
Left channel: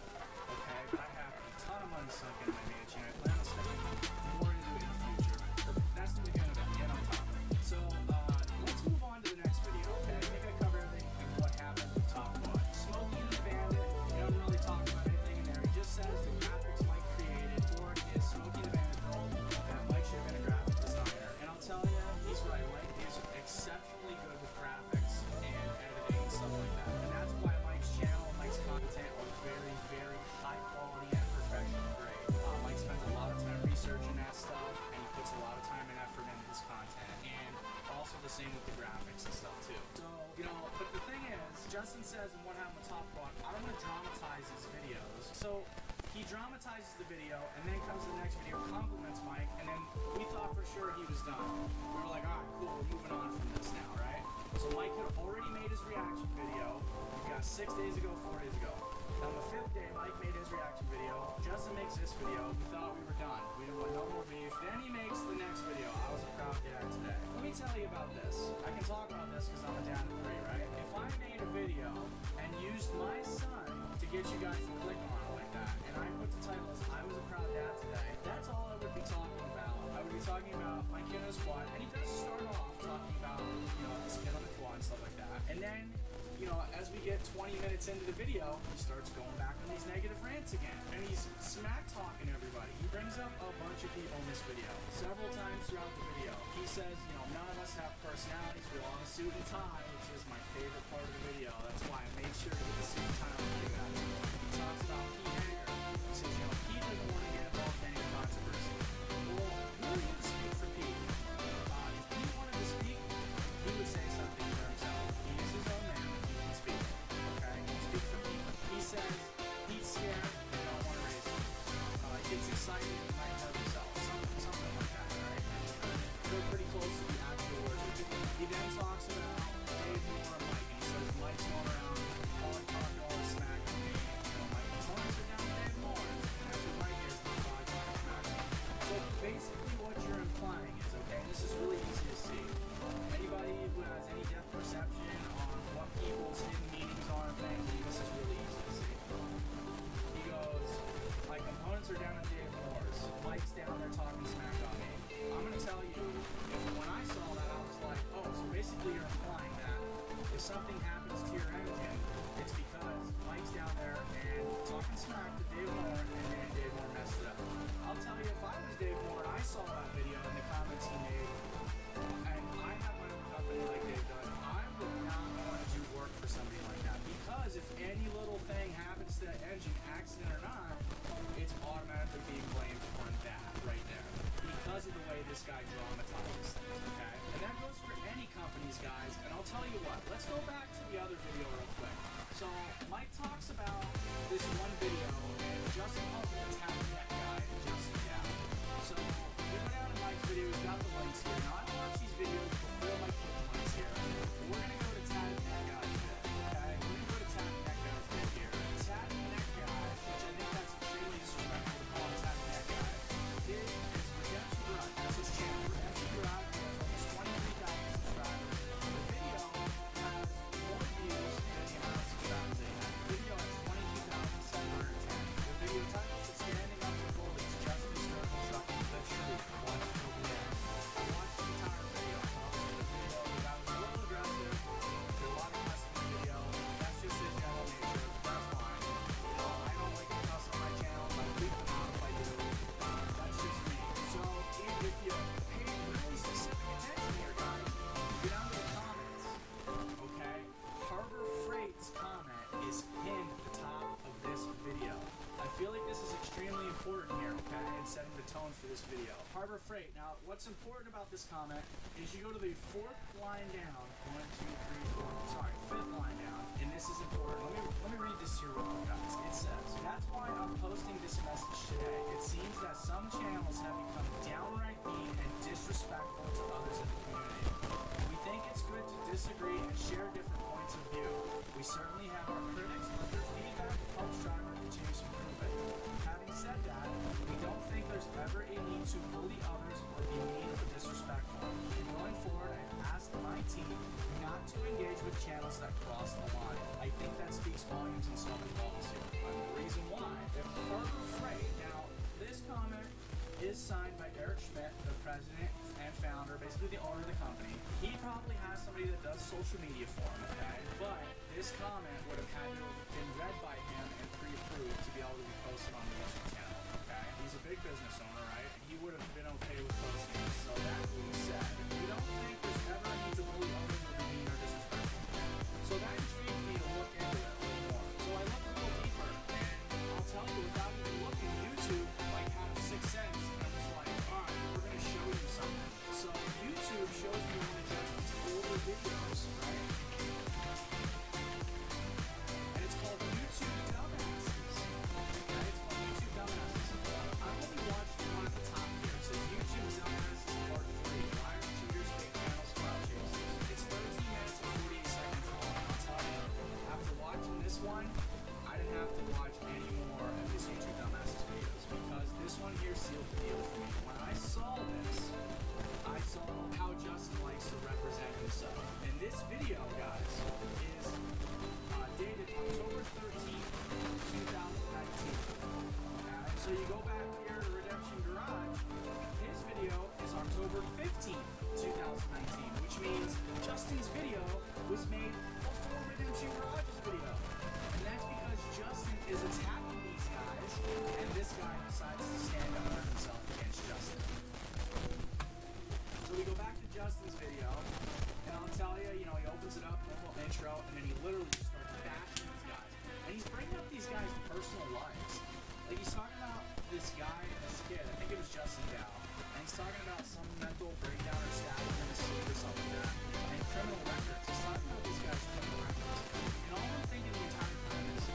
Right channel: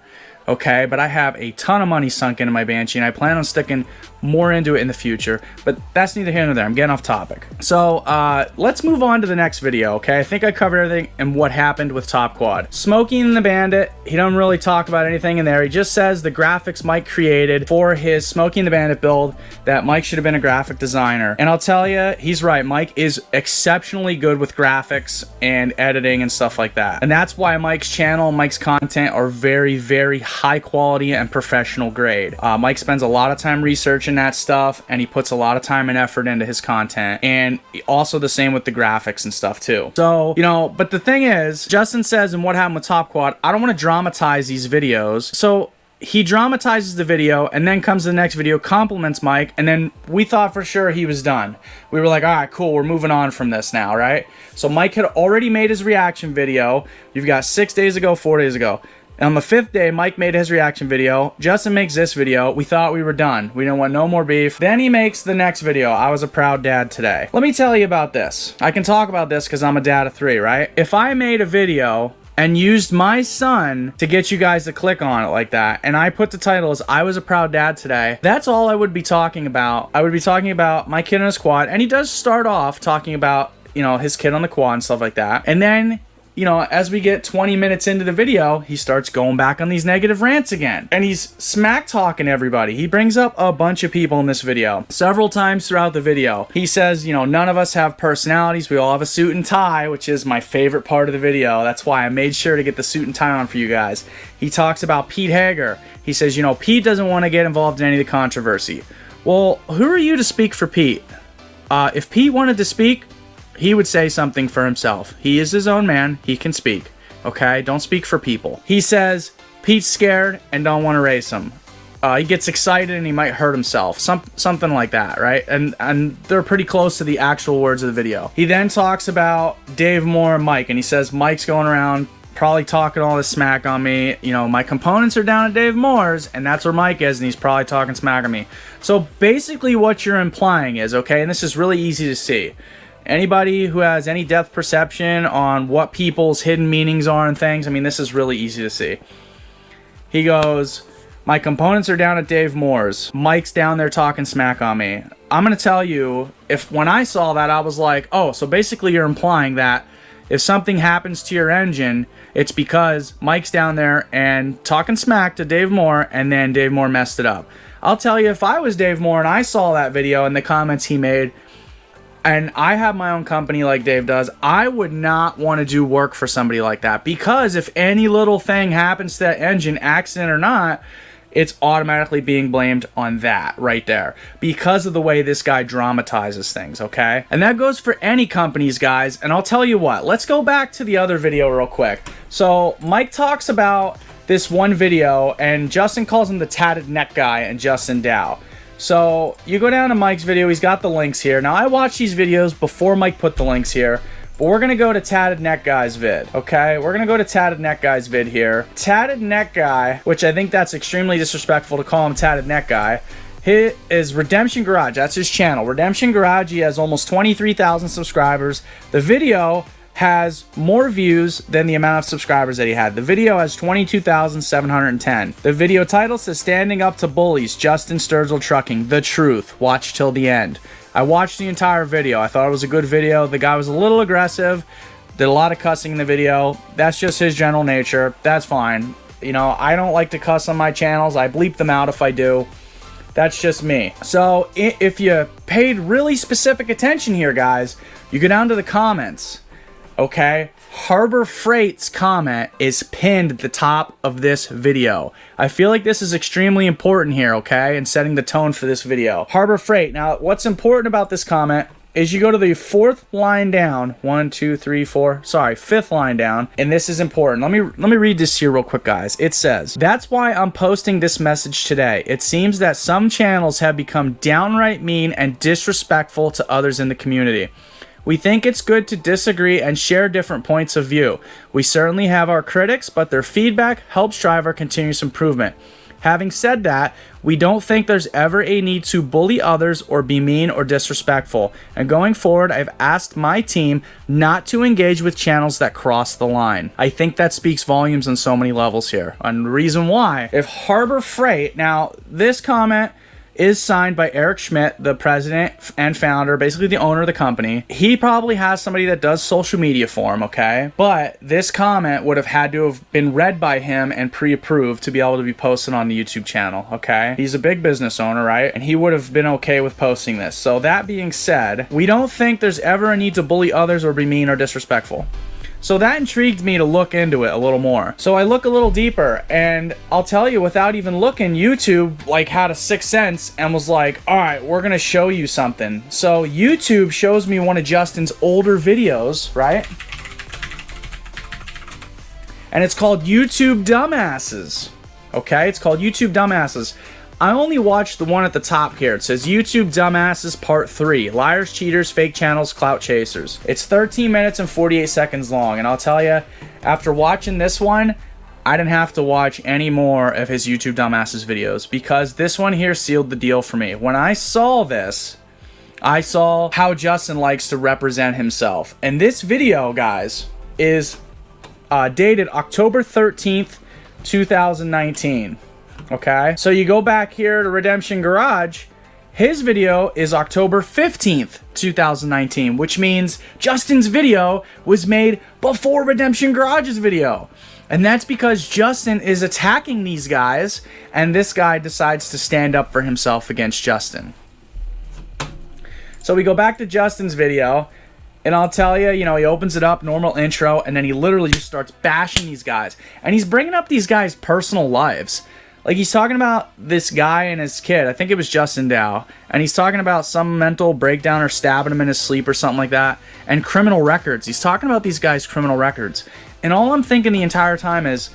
Okay, but I have a ton of money sunk into my Banshee, and I plan on sticking more into it in the future, but that's neither here nor there. I'm getting off topic. So let's move on to the next video, okay? I think I covered everything and what happened with Top Quad. Smokey and the Bandit, he don't really talk about anything in there. He just says the graphics Mike created for his Smokey and the Bandit build, that Mike should have been a graphic designer. And I'll tell you, he's right. Mike is exceptionally good with graphics and editing and stuff like that. And that's why Mike's channel and Mike's content are very, very high quality and professional grade. Mike spends a lot of time researching that stuff, and he puts a lot of time and effort into his content, and also the same with the graphics and stuff too. So, you know, but the thing is, Justin says in What Happened with Top Quad, I don't want to dramatize these videos. So he dramatizes the video and then comes to the next video, compliments Mike, and then we thought for sure he was done. We were like, all right, cool, we're moving on from this now, right? So Mike had already made his reaction video. You've got 6 days ago, 4 days ago. And on the 5th day, Mike made his reaction video. Justin makes this video. We thought we were done. We didn't want no more beef. Then he makes the next video. I was a proud dad today. Let me tell you about this. I can talk about this because I'm a dad of 3, right? If I made a video and used my son to get you guys to click on it like that, and I put the title as I was a proud dad today, that's all I would be talking about. I would be talking about my kid on his quad, and he does start off talking about, you know, his kid on the quad and stuff like that. And then, you know, as we get 20 minutes into the video, he starts going back on these negative rants again. And he's smack talking everybody. He brings up a bunch of people in this video. Several times throughout the video, he says, you know, none of us have personalities. We all have a suit and tie, which is my favorite part of the video. That's why I made sure to get the suit and tie on for you guys. He talks about Pete Hager. He says, you know, Pete doesn't want to get involved in any of the controversy. Well, who are you to speak for Pete? If Pete wanted to speak, he would say something for himself. He is his own man. He can speak. Okay? Don't speak for people. He says Pete's scared and don't want to race him. He gets excited and he might hurt himself. Something like that, right? And they're pretty close to the actual words of the video. He then talks about Dave Moore and Mike, and he says Mike's going around probably talking all this smack on me. You know, my components are down at Dave Moore's, and that's where Mike is, and he's probably talking smack on me. So basically what you're implying is, okay, and this is really easy to see. Anybody who has any depth perception on what people's hidden meanings are and things, I mean, this is really easy to see. He goes, my components are down at Dave Moore's. Mike's down there talking smack on me. I'm going to tell you, when I saw that, I was like, oh, so basically you're implying that if something happens to your engine, it's because Mike's down there and talking smack to Dave Moore, and then Dave Moore messed it up. I'll tell you, if I was Dave Moore and I saw that video and the comments he made, and I have my own company like Dave does, I would not want to do work for somebody like that, because if any little thing happens to that engine, accident or not, it's automatically being blamed on that right there because of the way this guy dramatizes things, okay? And that goes for any companies, guys. And I'll tell you what, let's go back to the other video real quick. So Mike talks about this one video, and Justin calls him the tatted neck guy and Justin Dow. So you go down to Mike's video, he's got the links here. Now I watched these videos before Mike put the links here, but we're gonna go to Tatted Neck Guy's vid, okay? We're gonna go to Tatted Neck Guy's vid here. Tatted Neck Guy, which I think that's extremely disrespectful to call him Tatted Neck Guy. He is Redemption Garage, that's his channel. Redemption Garage, he has almost 23,000 subscribers. The video has more views than the amount of subscribers that he had. The video has 22,710. The video title says Standing Up to Bullies, Justin Sturgill Trucking, The Truth. Watch till the end. I watched the entire video. I thought it was a good video. The guy was a little aggressive, did a lot of cussing in the video. That's just his general nature. That's fine. You know, I don't like to cuss on my channels. I bleep them out if I do. That's just me. So if you paid really specific attention here, guys, you go down to the comments. Okay, Harbor Freight's comment is pinned at the top of this video. I feel like this is extremely important here, okay, and setting the tone for this video. Harbor Freight. Now, what's important about this comment is you go to the fifth line down, fifth line down, and this is important. Let me read this here real quick, guys. It says, that's why I'm posting this message today. It seems that some channels have become downright mean and disrespectful to others in the community. We think it's good to disagree and share different points of view. We certainly have our critics, but their feedback helps drive our continuous improvement. Having said that, we don't think there's ever a need to bully others or be mean or disrespectful. And going forward, I've asked my team not to engage with channels that cross the line. I think that speaks volumes on so many levels here. And the reason why, if Harbor Freight, now this comment is signed by Eric Schmidt, the president and founder, basically the owner of the company. He probably has somebody that does social media for him, okay? But this comment would have had to have been read by him and pre-approved to be able to be posted on the YouTube channel, okay? He's a big business owner, right? And he would have been okay with posting this. So that being said, we don't think there's ever a need to bully others or be mean or disrespectful. So that intrigued me to look into it a little more. So I look a little deeper, and I'll tell you, without even looking, YouTube like had a sixth sense and was like, all right, we're gonna show you something. So YouTube shows me one of Justin's older videos, right? And it's called YouTube Dumbasses. Okay, it's called YouTube Dumbasses. I only watched the one at the top here. It says YouTube Dumbasses Part 3. Liars, cheaters, fake channels, clout chasers. It's 13 minutes and 48 seconds long. And I'll tell you, after watching this one, I didn't have to watch any more of his YouTube dumbasses videos, because this one here sealed the deal for me. When I saw this, I saw how Justin likes to represent himself. And this video, guys, is dated October 13th, 2019. Okay, so you go back here to Redemption Garage. His video is October 15th, 2019, which means Justin's video was made before Redemption Garage's video. And that's because Justin is attacking these guys, and this guy decides to stand up for himself against Justin. So we go back to Justin's video, and I'll tell you, you know, he opens it up, normal intro, and then he literally just starts bashing these guys. And he's bringing up these guys' personal lives. Like, he's talking about this guy and his kid. I think it was Justin Dow. And he's talking about some mental breakdown or stabbing him in his sleep or something like that. And criminal records. He's talking about these guys' criminal records. And all I'm thinking the entire time is,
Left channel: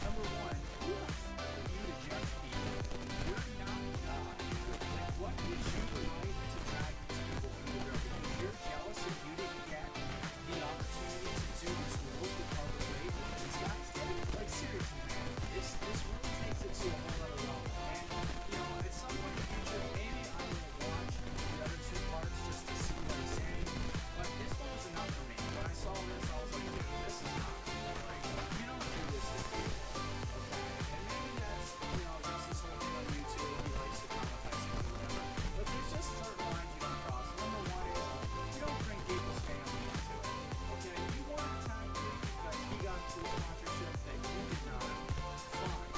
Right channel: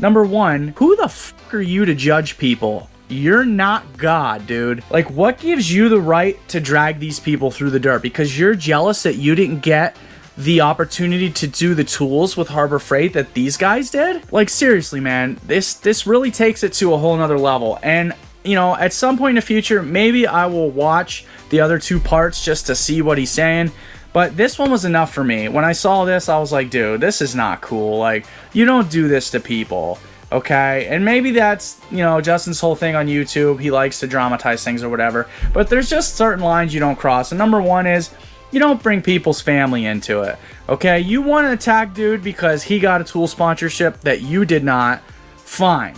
number one, who the f*** are you to judge people? You're not God, dude. Like, what gives you the right to drag these people through the dirt? Because you're jealous that you didn't get the opportunity to do the tools with Harbor Freight that these guys did? Like, seriously, man, this really takes it to a whole nother level. And, you know, at some point in the future, maybe I will watch the other two parts just to see what he's saying. But this one was enough for me. When I saw this, I was like, dude, this is not cool. Like, you don't do this to people, okay? And maybe that's, you know, Justin's whole thing on YouTube. He likes to dramatize things or whatever. But there's just certain lines you don't cross. And number one is, you don't bring people's family into it, okay? You want to attack dude because he got a tool sponsorship that you did not, fine.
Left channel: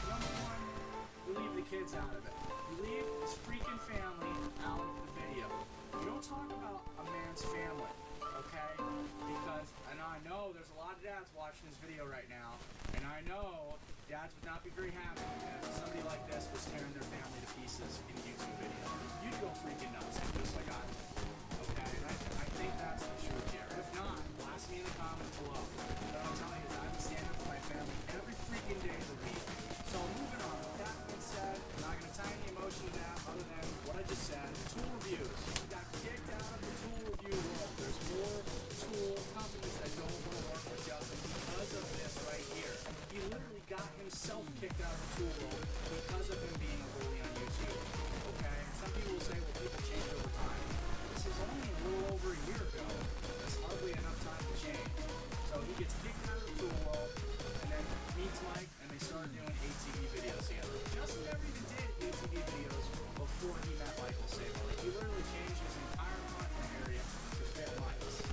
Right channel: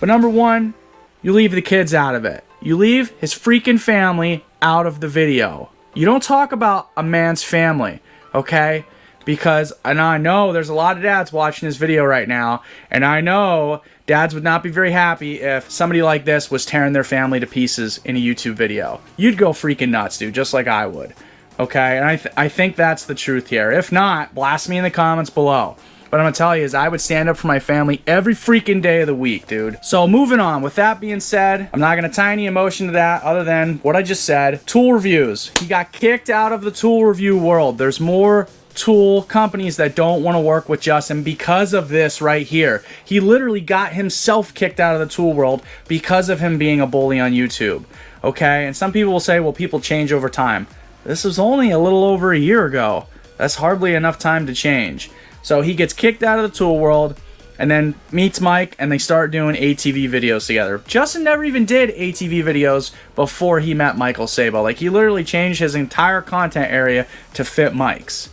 But number one, you leave the kids out of it. You leave his freaking family out of the video. You don't talk about a man's family, okay? Because, and I know there's a lot of dads watching this video right now, and I know dads would not be very happy if somebody like this was tearing their family to pieces in a YouTube video. You'd go freaking nuts, dude, just like I would, okay? And I think that's the truth here. If not, blast me in the comments below. But I'm gonna tell you is I would stand up for my family every freaking day of the week, dude. So moving on, with that being said, I'm not gonna tie any emotion to that other than what I just said. Tool reviews. He got kicked out of the tool review world. There's more tool companies that don't want to work with Justin because of this right here. He literally got himself kicked out of the tool world because of him being a bully on YouTube. Okay, and some people will say, well, people change over time. This was only a little over a year ago. That's hardly enough time to change. So he gets kicked out of the tool world and then meets Mike and they start doing ATV videos together. Justin never even did ATV videos before he met Michael Sabo. Like, he literally changed his entire content area to fit Mike's.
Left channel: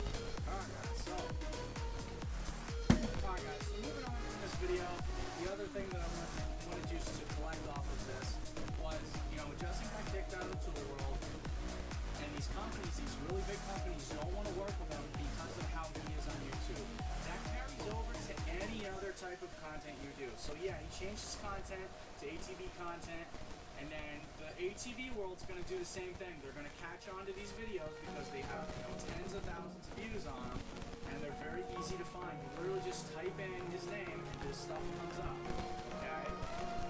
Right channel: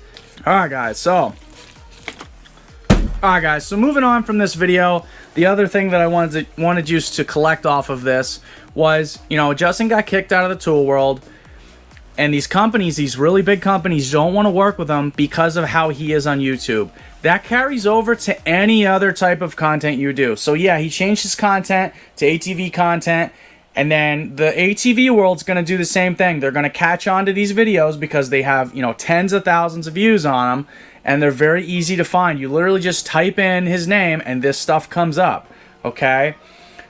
Alright guys, so moving on from this video, the other thing that I wanted you to collect off of this was, you know, Justin got kicked out of the tool world. And these companies, these really big companies, don't want to work with him because of how he is on YouTube. That carries over to any other type of content you do. So yeah, he changed his content to ATV content. And then the ATV world's going to do the same thing. They're going to catch on to these videos because they have, you know, tens of thousands of views on them. And they're very easy to find. You literally just type in his name and this stuff comes up. Okay?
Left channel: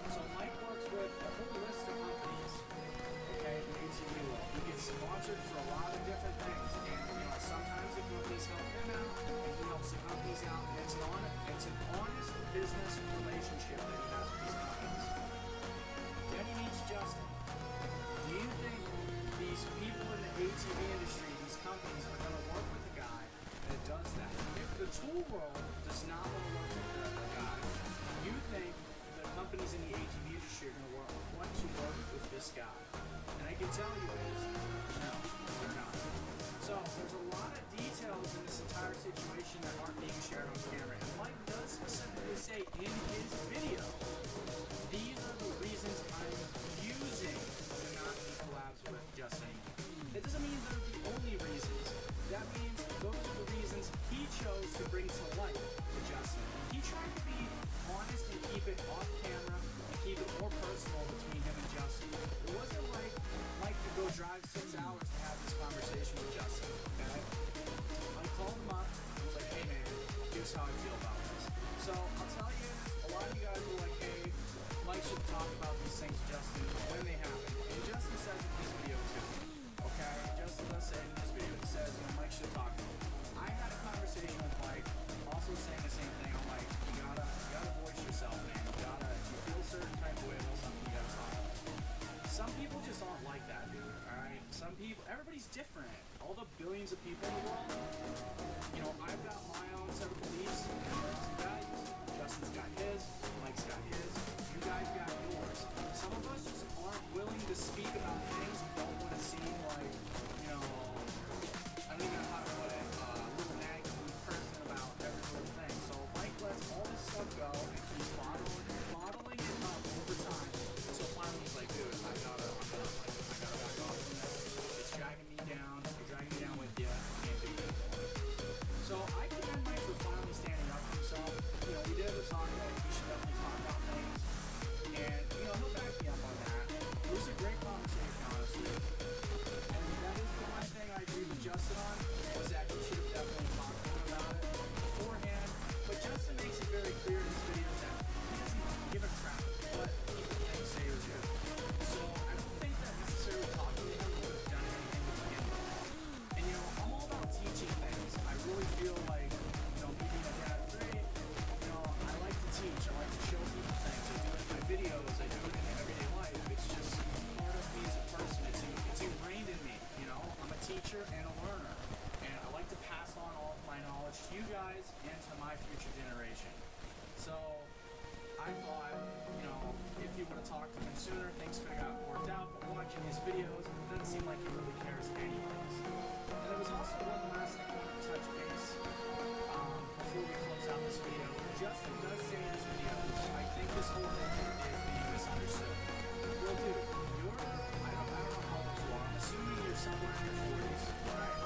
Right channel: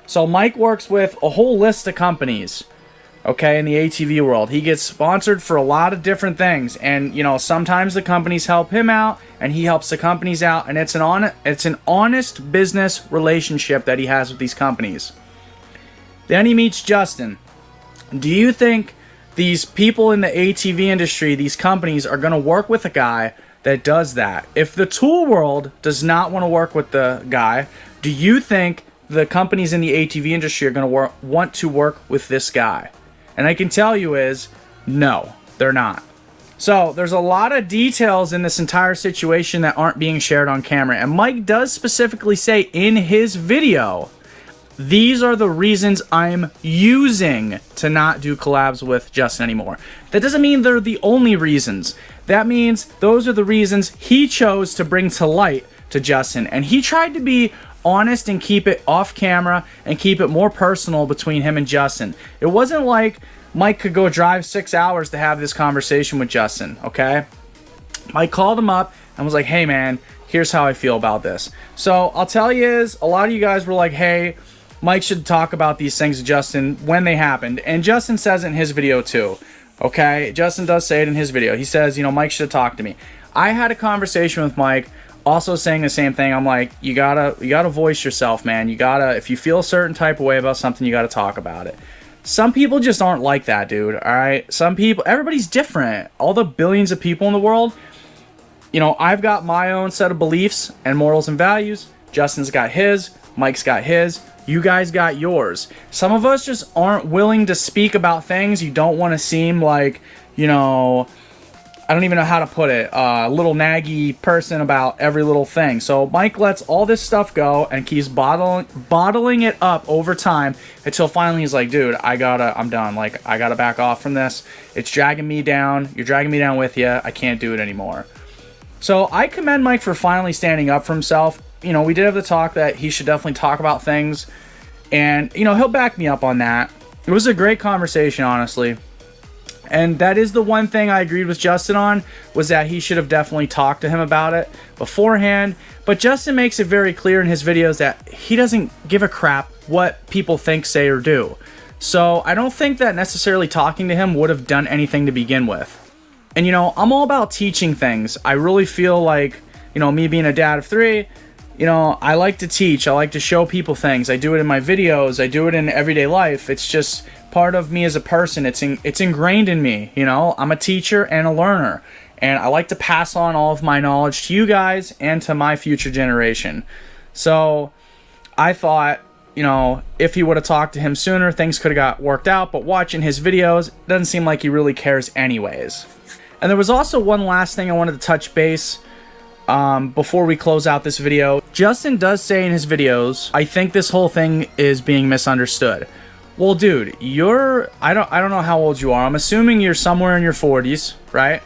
So Mike works with a whole list of companies. Okay, in the ATV world. He gets sponsored for a lot of different things. And, you know, sometimes the companies help him out and he helps the companies out. And it's an honest business relationship that he has with these companies. Then he meets Justin. Do you think these people in the ATV industry, these companies, are going to work with a guy that does that? If the tool world does not want to work with the guy, do you think the companies in the ATV industry are going to want to work with this guy? And I can tell you is, no, they're not. So there's a lot of details in this entire situation that aren't being shared on camera. And Mike does specifically say in his video, these are the reasons I'm using to not do collabs with Justin anymore. That doesn't mean they're the only reasons. That means those are the reasons he chose to bring to light to Justin. And he tried to be honest and keep it off camera and keep it more personal between him and Justin. It wasn't like Mike could go drive 6 hours to have this conversation with Justin, okay? Mike called him up and was like, hey man, here's how I feel about this. So I'll tell you is, a lot of you guys were like, hey, Mike should talk about these things to Justin when they happened. And Justin says it in his video too, okay? Justin does say it in his video. He says, you know, Mike should talk to me. I had a conversation with Mike also saying the same thing. I'm like, you gotta voice yourself, man. You gotta, if you feel a certain type of way about something, you gotta talk about it. Some people just aren't like that, dude. All right, some people, everybody's different. All the billions of people in the world, you know, I've got my own set of beliefs and morals and values. Justin's got his, Mike's got his, you guys got yours. Some of us just aren't willing to speak about things. You don't want to seem like, you know, I don't even know how to put it, a little naggy person about every little thing. So Mike lets all this stuff go and keeps bottling it up over time until finally he's like, dude, I'm done. Like, I gotta back off from this. It's dragging me down. You're dragging me down with you. I can't do it anymore. So I commend Mike for finally standing up for himself. You know, we did have the talk that he should definitely talk about things, and, you know, he'll back me up on that. It was a great conversation, honestly. And that is the one thing I agreed with Justin on, was that he should have definitely talked to him about it beforehand. But Justin makes it very clear in his videos that he doesn't give a crap what people think, say, or do. So I don't think that necessarily talking to him would have done anything to begin with. And, you know, I'm all about teaching things. I really feel like, you know, me being a dad of 3, you know, I like to teach. I like to show people things. I do it in my videos. I do it in everyday life. It's just part of me as a person. It's ingrained in me, you know. I'm a teacher and a learner, and I like to pass on all of my knowledge to you guys and to my future generation. So I thought, you know, if he would have talked to him sooner, things could have got worked out. But watching his videos, it doesn't seem like he really cares anyways. And there was also one last thing I wanted to touch base before we close out this video. Justin does say in his videos, I think this whole thing is being misunderstood. Well, dude, I don't know how old you are. I'm assuming you're somewhere in your 40s, right?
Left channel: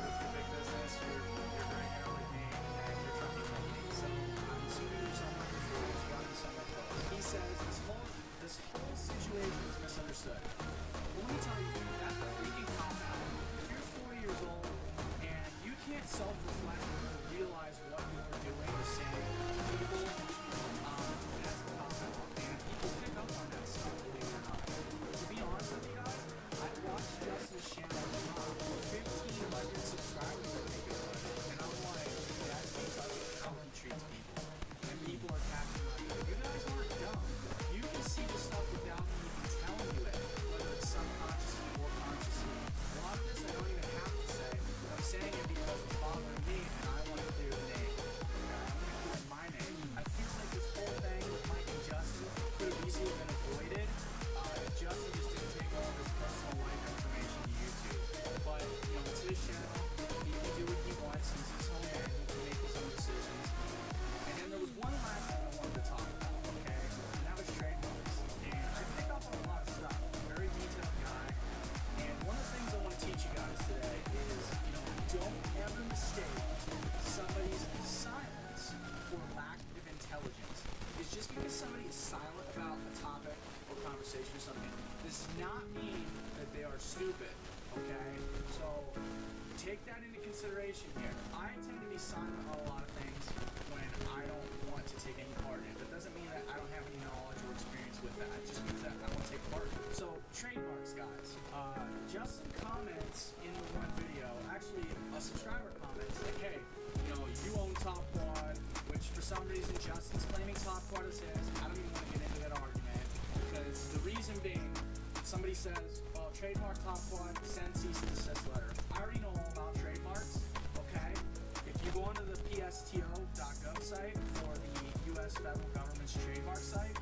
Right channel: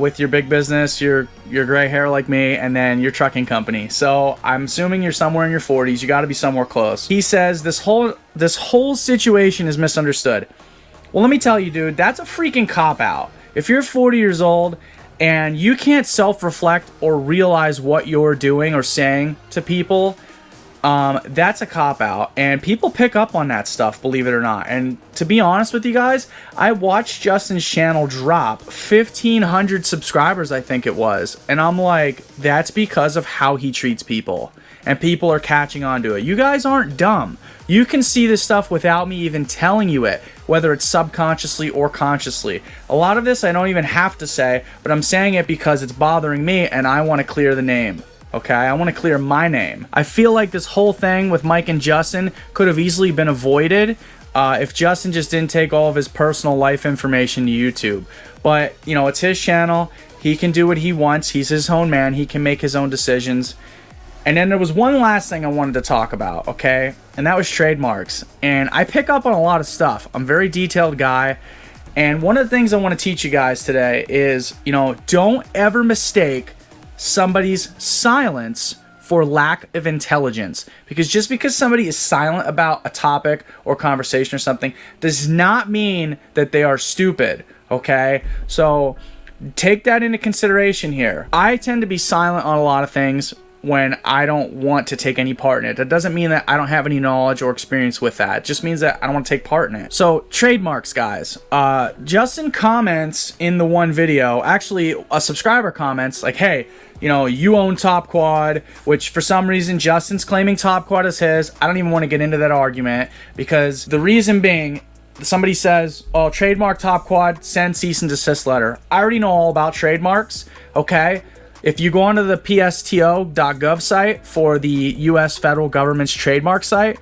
With your big business, your gray hair like me, and then your trucking company. So I'm assuming you're somewhere in your 40s. You got to be somewhere close. He says this whole situation is misunderstood. Well, let me tell you, dude, that's a freaking cop-out. If you're 40 years old and you can't self-reflect or realize what you're doing or saying to people, that's a cop-out, and people pick up on that stuff, believe it or not. And to be honest with you guys, I watched Justin's channel drop 1,500 subscribers, I think it was, and I'm like, that's because of how he treats people, and people are catching on to it. You guys aren't dumb. You can see this stuff without me even telling you it, whether it's subconsciously or consciously. A lot of this I don't even have to say, but I'm saying it because it's bothering me and I want to clear the name. Okay, I want to clear my name. I feel like this whole thing with Mike and Justin could have easily been avoided if Justin just didn't take all of his personal life information to YouTube. But, you know, it's his channel. He can do what he wants. He's his own man. He can make his own decisions. And then there was one last thing I wanted to talk about, okay? And that was trademarks. And I pick up on a lot of stuff. I'm a very detailed guy. And one of the things I want to teach you guys today is, you know, don't ever mistake somebody's silence for lack of intelligence. Because just because somebody is silent about a topic or conversation or something does not mean that they are stupid, okay? So take that into consideration here. I tend to be silent on a lot of things when I don't want to take any part in it. That doesn't mean that I don't have any knowledge or experience with that. It just means that I don't want to take part in it. So trademarks, guys. Justin comments in the one video, actually a subscriber comments like, hey, you know, you own Top Quad, which for some reason Justin's claiming Top Quad is his. I don't even want to get into that argument, because the reason being, somebody says, oh, trademark Top Quad, send cease and desist letter. I already know all about trademarks, okay? If you go onto the psto.gov site for the US federal government's trademark site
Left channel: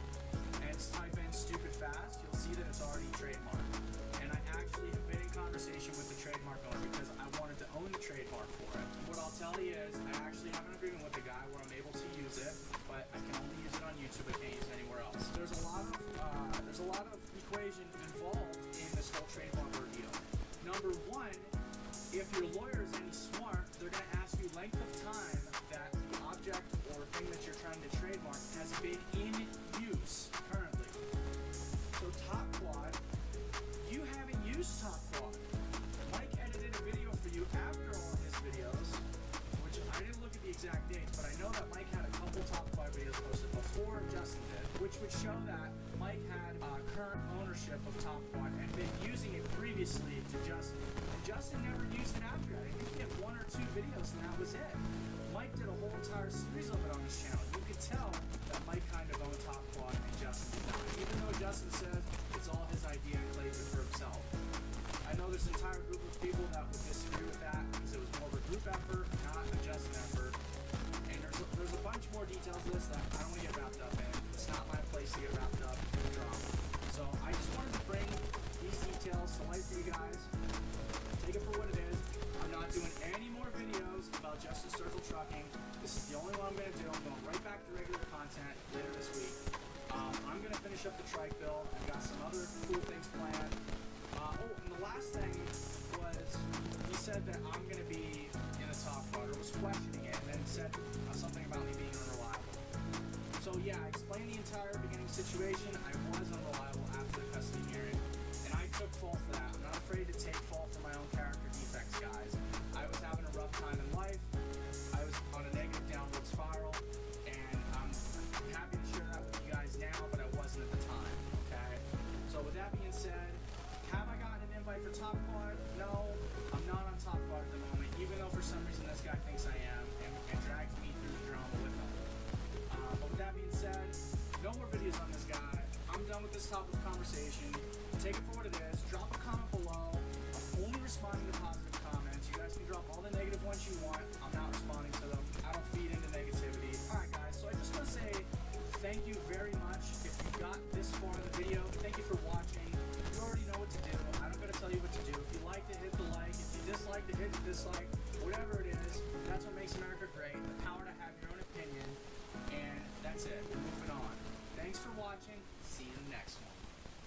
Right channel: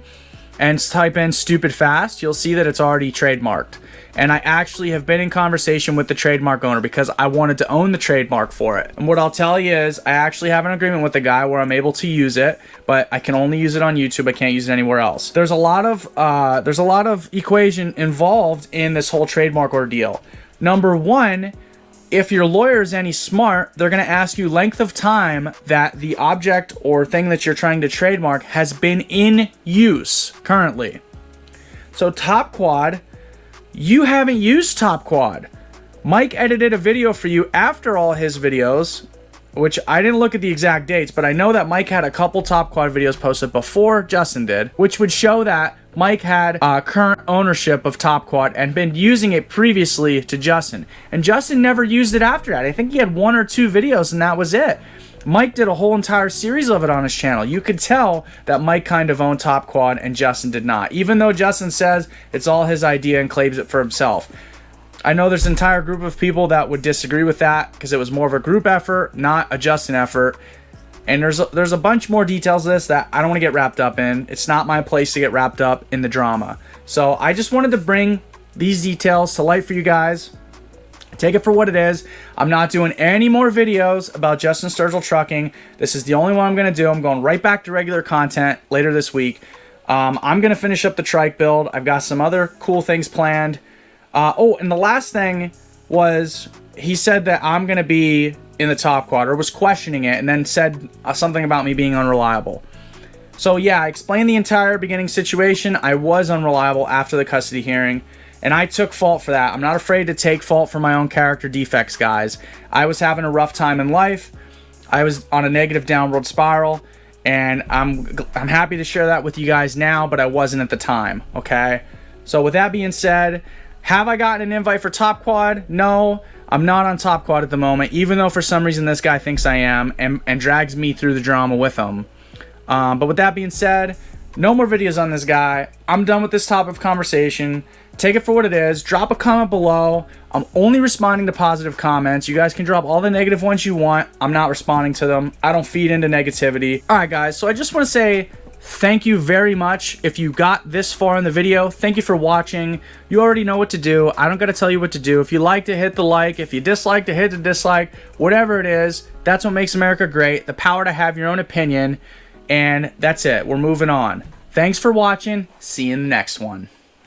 and type in stupid fast, you'll see that it's already trademarked. And I actually have been in conversation with the trademark owner because I wanted to own the trademark for it. And what I'll tell you is I actually have an agreement with the guy where I'm able to use it, but I can only use it on YouTube. I can't use it anywhere else. There's a lot of equation involved in this whole trademark ordeal. Number one, if your lawyer is any smart, they're going to ask you length of time that the object or thing that you're trying to trademark has been in use currently. So Top Quad, you haven't used Top Quad. Mike edited a video for you after all his videos, which I didn't look at the exact dates, but I know that Mike had a couple Top Quad videos posted before Justin did, which would show that Mike had current ownership of Top Quad and been using it previously to Justin. And Justin never used it after that. I think he had 1 or 2 videos and that was it. Mike did a whole entire series of it on his channel. You could tell that Mike kind of owned Top Quad and Justin did not, even though Justin says it's all his idea and claims it for himself. I know there's an entire group of people that would disagree with that because it was more of a group effort, not a Justin effort. And there's a bunch more details of this that I don't want to get wrapped up in. It's not my place to get wrapped up in the drama. So I just wanted to bring these details to light for you guys. Take it for what it is. I'm not doing any more videos about Justin Sturgill trucking. This is the only one I'm going to do. I'm going right back to regular content later this week. I'm going to finish up the trike build. I've got some other cool things planned. Oh, and the last thing was he said that I'm going to be in the Top Quad, or was questioning it, and then said something about me being unreliable. So yeah, I explained the entire beginning situation. I was unreliable after the custody hearing, and I took fault for that. I'm not afraid to take fault for my own character defects, guys. I was having a rough time in life. I was on a negative downward spiral, and I'm happy to share that with you guys now, but I wasn't at the time, okay? So with that being said, have I gotten an invite for Top Quad? No, I'm not on Top Quad at the moment, even though for some reason this guy thinks I am and drags me through the drama with him. But with that being said, no more videos on this guy. I'm done with this topic of conversation. Take it for what it is. Drop a comment below. I'm only responding to positive comments. You guys can drop all the negative ones you want. I'm not responding to them. I don't feed into negativity. All right, guys. So I just want to say thank you very much. If you got this far in the video, thank you for watching. You already know what to do. I don't got to tell you what to do. If you liked it, hit the like. If you disliked it, hit the dislike. Whatever it is, that's what makes America great. The power to have your own opinion. And that's it. We're moving on. Thanks for watching. See you in the next one.